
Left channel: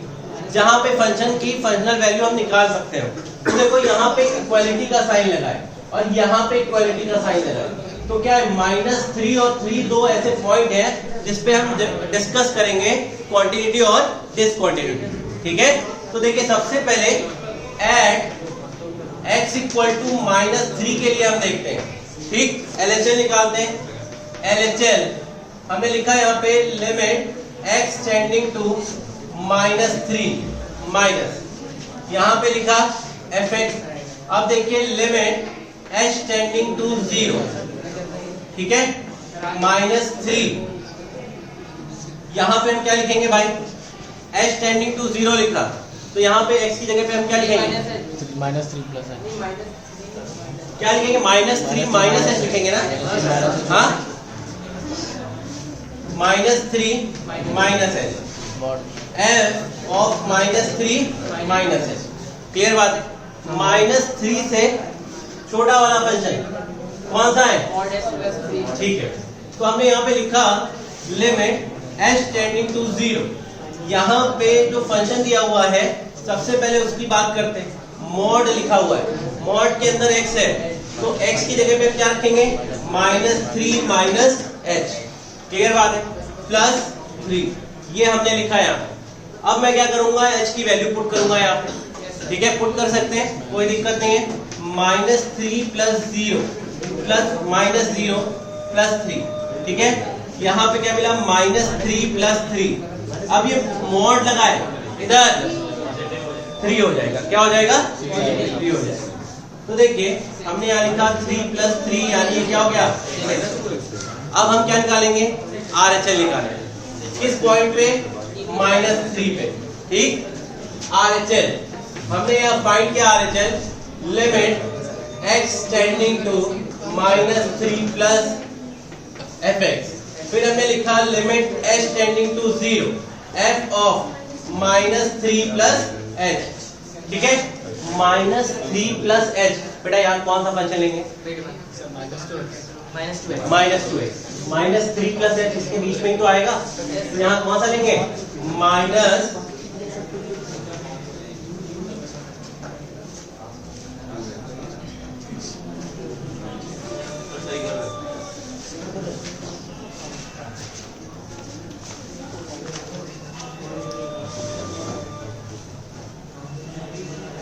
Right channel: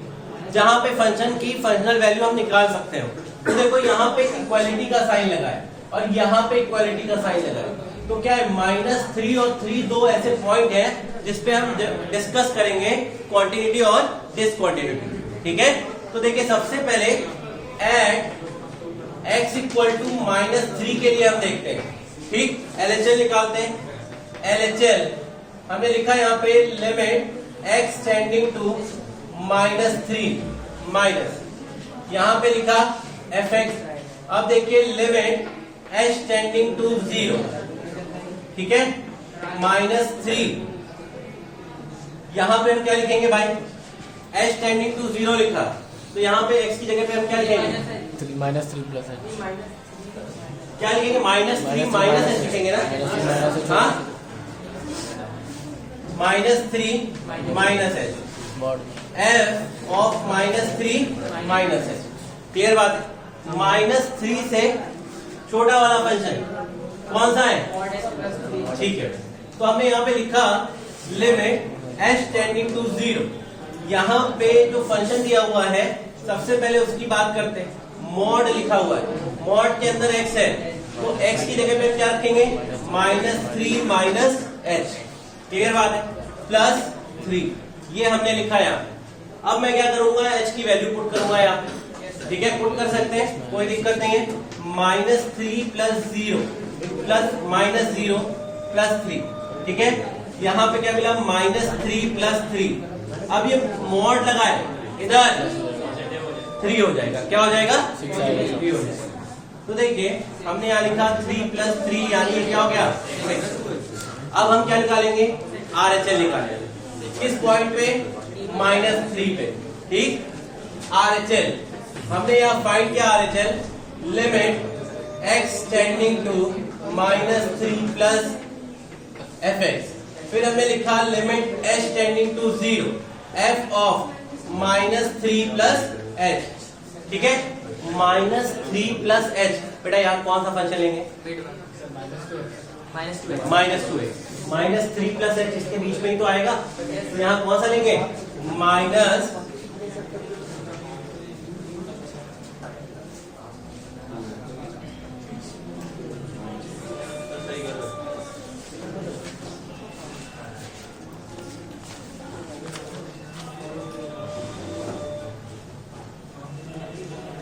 जहां पे फंक्शन की फंक्शनल वैल्यू हम निकाल सकते हो। तो देखो यहाँ पे इक्वालिटी का साइन लगा है और यहाँ पे इक्वालिटी का साइन लगा है, तो क्या है, -3 और 3 दो ऐसे पॉइंट है जिसपे हम डिस्कस करेंगे क्वांटिटी और डिसकंटिन्यूटी, ठीक है। तो देखिए सबसे पहले एट x इक्वल टू -3 के लिए हम देखते हैं, ठीक। LHL निकालते हैं। LHL हमने लिखा यहाँ पे limit x tending to -3 minus, यहाँ पे लिखा fx। अब देखिए लिमिट h टेंडिंग टू 0, ठीक है, -3। यहां पे हम क्या लिखेंगे भाई, h टेंडिंग टू 0 लिखा, तो यहाँ पे x की जगह पे हम क्या लिखेंगे, -3 प्लस है, क्या लिखेंगे, -3 माइनस h लिखेंगे ना, हाँ, -3 minus h, f of -3 minus h। Clear बात है, -3 से छोटा वाला फंक्शन कौन सा है, ठीक है। तो हमने यहाँ पे लिखा लिमिट h टेंडिंग टू 0। यहाँ पे जो फंक्शन दिया हुआ है सबसे पहले उसकी बात करते हैं। मॉड लिखा हुआ है, मॉड के अंदर x है, तो x की जगह पे क्या रखेंगे, -3 माइनस h। क्लियर बात है, प्लस 3, ये हमने लिखा यहाँ। अब मैं क्या करूंगा, h की वैल्यू पुट करूंगा यहाँ पे, ठीक है, पुट कर सकते हैं, कोई दिक्कत नहीं है। -3 प्लस 0 प्लस -0 प्लस 3, ठीक है। यहाँ पे क्या मिला, -3 प्लस 3। अब ये मॉड लगाए इधर 3 हो जाएगा, क्या हो जाएगा, 3 हो जाएगा। तो देखिए हमने यहाँ लिखा 3 प्लस 3 यानी ये क्या हो गया 6। अब हम क्या निकालेंगे, RHL निकालेंगे किस पॉइंट पे, -3 पे, ठीक। RHL हमने यहाँ फाइंड किया, RHL limit x tending to -3 plus fx। फिर हमने लिखा limit h tending to 0 f of -3 plus h, ठीक है। -3 प्लस h, बेटा यार कौन सा फंक्शन लेंगे, -2x। -3 प्लस एच इसके बीच में ही तो आएगा, तो यहाँ कौन सा लेंगे माइनस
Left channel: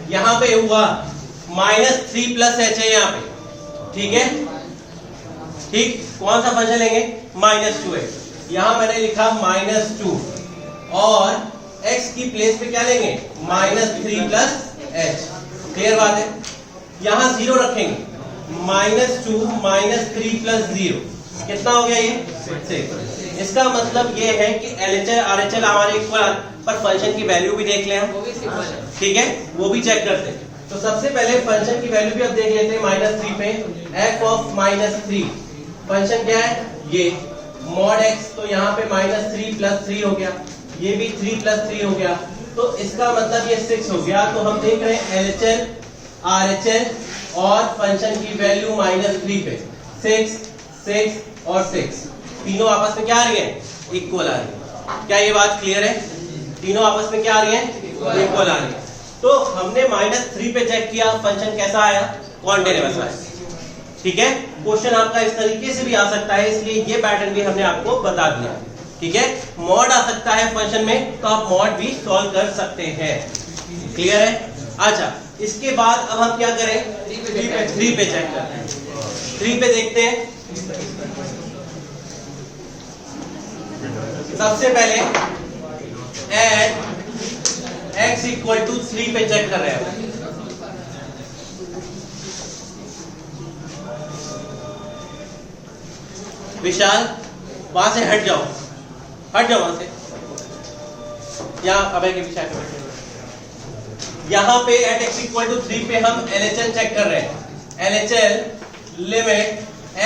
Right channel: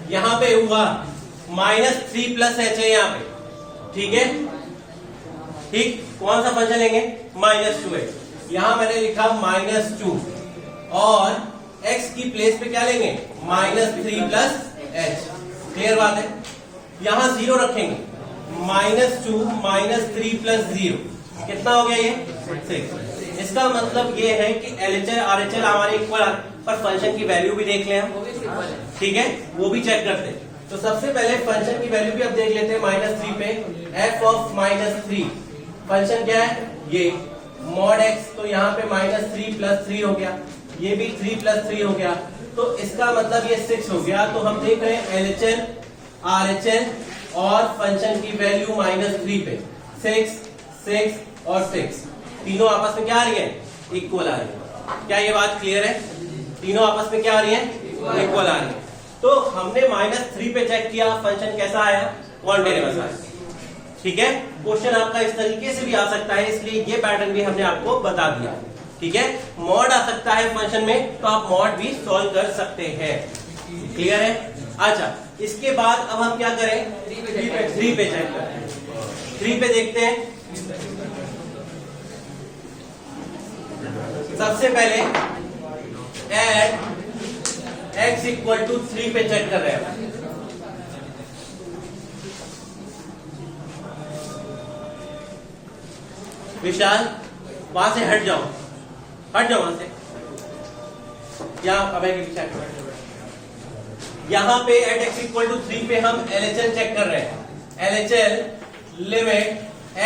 यहां पे हुआ -3 प्लस एच है यहाँ पे, ठीक है। ठीक, कौन सा फंक्शन लेंगे -2x, यहां मैंने लिखा -2 और x की प्लेस पे क्या लेंगे -3 प्लस एच। क्लियर बात है, यहां 0 रखेंगे, -2 -3 प्लस 0 कितना हो गया ये 6। इसका मतलब ये है कि LHL RHL हमारे इक्वल, पर फंक्शन की वैल्यू भी देख लें हम, ठीक है, वो भी चेक करते हैं। तो सबसे पहले फंक्शन की वैल्यू भी अब देख लेते हैं -3 पे, f ऑफ -3 फंक्शन क्या है ये mod x, तो यहाँ पे -3 प्लस 3 हो गया, ये भी 3 प्लस 3 हो गया, तो इसका मतलब ये 6 हो गया। तो हम देख रहे हैं LHL RHL और फंक्शन की वैल्यू -3 पे 6 6 और 6 तीनों आपस में क्या आ रही है इक्वल आ रही है। क्या ये बात क्लियर है, तीनों आपस में क्या आ रही है इक्वल आ रही है। तो हमने -3 पे चेक किया, फंक्शन कैसा आया कॉन्टिन्यूअस आया, ठीक है। क्वेश्चन आपका इस तरीके से भी आ सकता है, इसलिए ये पैटर्न भी हमने आपको बता दिया, ठीक है। मॉड आ सकता है फंक्शन में, तो आप मॉड भी सॉल्व कर सकते हैं। क्लियर है। अच्छा, इसके बाद अब हम क्या करें 3 पे चेक करें। 3 पे देखते हैं, सबसे पहले एड x इक्वल टू 3 पे चेक कर रहे हैं। विशाल वहां से हट जाओ वहां से, यहाँ अभय के पीछे। यहाँ पे एट x इक्वल टू 3 पे हम LHL चेक कर रहे हैं। LHL limit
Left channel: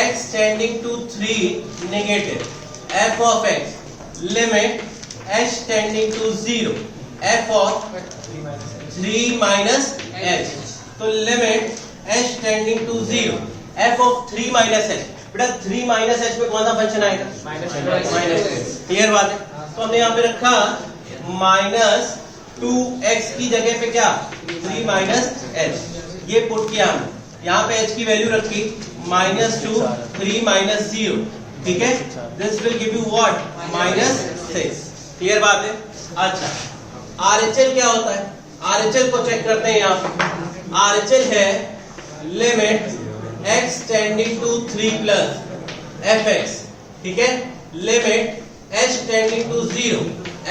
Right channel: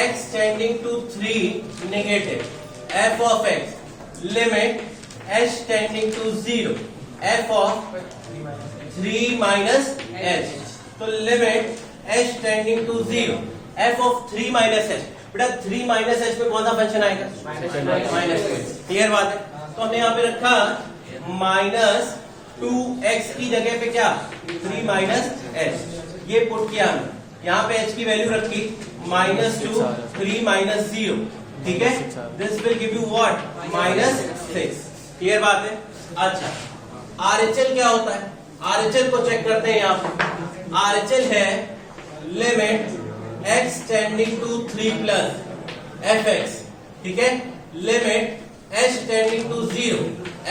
x tending to 3 negative, f of x limit h tending to 0, f of 3 minus h, तो limit h tending to 0, f of 3 minus h। बेटा 3 माइनस h में कौन सा फंक्शन आएगा -2। क्लियर बात है। तो हमने यहाँ पे रखा -2x की जगह पे क्या 3 माइनस h, ये पुट किया हमने। यहाँ पे h की वैल्यू रखी -2 3 माइनस 0, ठीक है। This will give you what -6। Clear बात है। अच्छा, RHL क्या होता है, RHL को चेक करते हैं। यहाँ पे RHL है limit x tending to 3 plus fx, ठीक है, limit h tending to 0,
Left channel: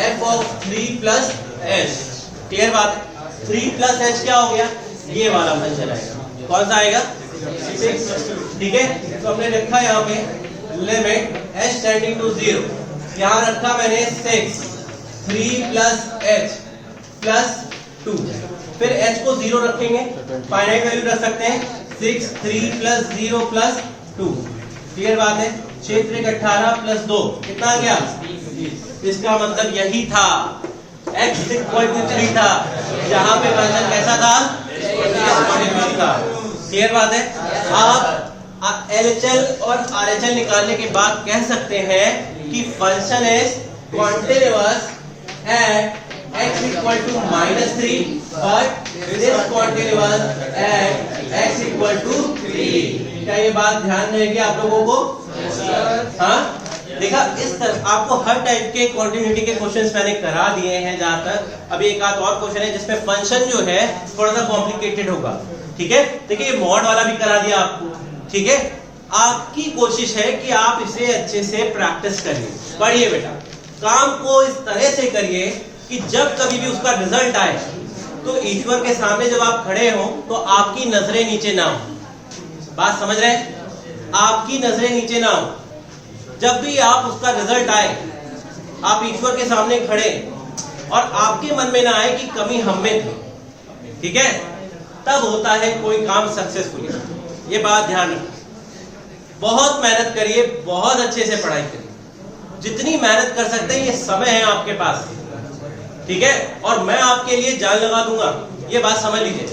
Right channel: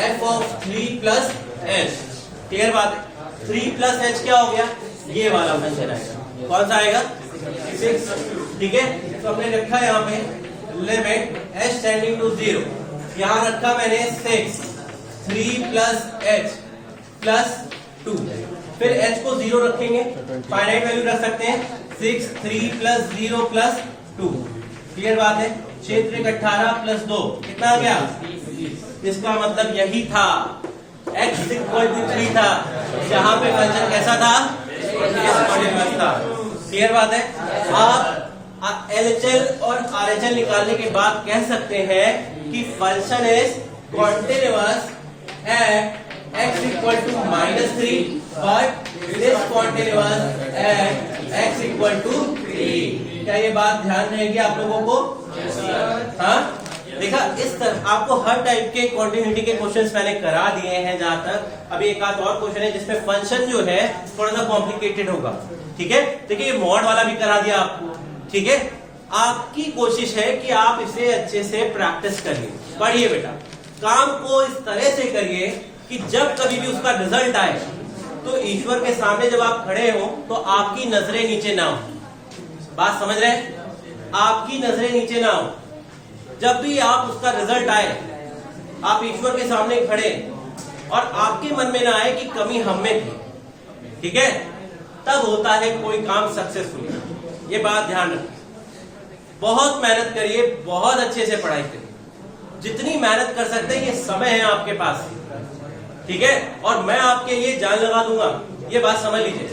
f of 3 plus h। Clear बात। 3 प्लस h क्या हो गया, ये वाला फंक्शन आएगा, कौन सा आएगा 6, ठीक है। तो हमने रखा यहाँ पे लिमिट h टेंडिंग टू 0, यहाँ रखा मैंने 6 3 प्लस h प्लस 2, फिर h को 0 रखेंगे, फाइनाइट वैल्यू रख सकते हैं 6 3 प्लस 0 प्लस 2। क्लियर बात है। क्षेत्र 18 प्लस 2 कितना आ गया, इसका मतलब यही था x इक्वल टू 3 था, यहाँ पे फंक्शन कैसा था क्लियर बात है। आप LHL और RHL निकालने के बाद कह सकते हैं कि function is continuous at x equal to -3 but this continuous at x equal to 3। क्या ये बात ध्यान रहेगी आप लोगों को? हाँ, देखा, इस तरह आपको हर टाइप के कॉन्टिन्यूटी के क्वेश्चंस मैंने करा दिए हैं। जहां तक अभी एक आध और क्वेश्चन है जिसमें फंक्शन जो है थोड़ा सा कॉम्प्लिकेटेड होगा, ठीक है। देखिए ये मॉड वाला भी करा दिया आपको, ठीक है। आपकी कोशिश है कि आप इसे अच्छे से प्रैक्टिस करिए, पढ़िए बेटा, काम को इस तरह से करिए कि जब कभी भी उसका रिजल्ट आए तो ईश्वर के सामने जब आप खड़े हो तो आपकी नजरें नीचे ना हो। बात समझ रहे हैं? आपकी नजरें नीचे ना हो। जब भी आप उसका रिजल्ट आए, आप ईश्वर के सामने खड़े और आपके मन में ना आए कि कमी हम में थी, ठीक है, तब होता है कोई काम सक्सेसफुल। ये बात ध्यान रखिए। बहुत मेहनत करिए, बहुत अच्छे से पढ़ाई करिए, जितनी मेहनत कर सकते हैं। ये समय है आपके पास, ठीक है, और मैं आपके लिए जान लगा दूंगा। ये बात समझ लीजिए।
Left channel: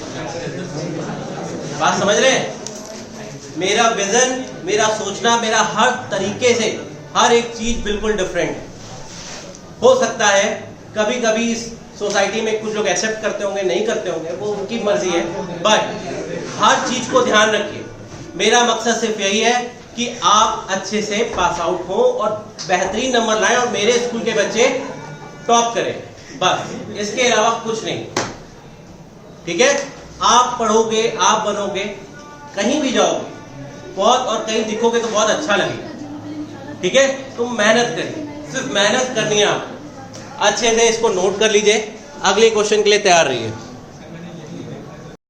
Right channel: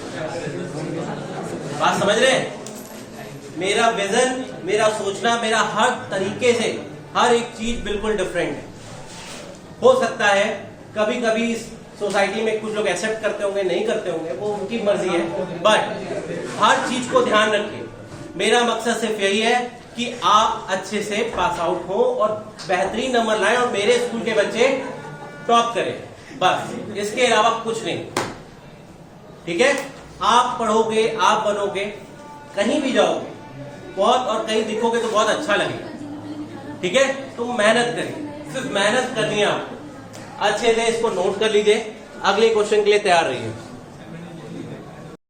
बात समझ रहे हैं? मेरा विजन, मेरा सोचना, मेरा हर तरीके से हर एक चीज बिल्कुल डिफरेंट है। हो सकता है कभी कभी सोसाइटी में कुछ लोग एक्सेप्ट करते होंगे, नहीं करते होंगे, वो उनकी मर्जी है, बट हर चीज को ध्यान रखिए। मेरा मकसद सिर्फ यही है कि आप अच्छे से पास आउट हो और बेहतरीन नंबर लाएं और मेरे स्कूल के बच्चे टॉप करें, बस इसके अलावा कुछ नहीं। ठीक है, आप पढ़ोगे, आप बनोगे, कहीं भी जाओगे बहुत, और कहीं दिखोगे तो बहुत अच्छा लगेगा। ठीक है, तो मेहनत करिए, सिर्फ मेहनत करनी है आपको। अच्छे से इसको नोट कर लीजिए, अगले क्वेश्चन के लिए तैयार रहिए।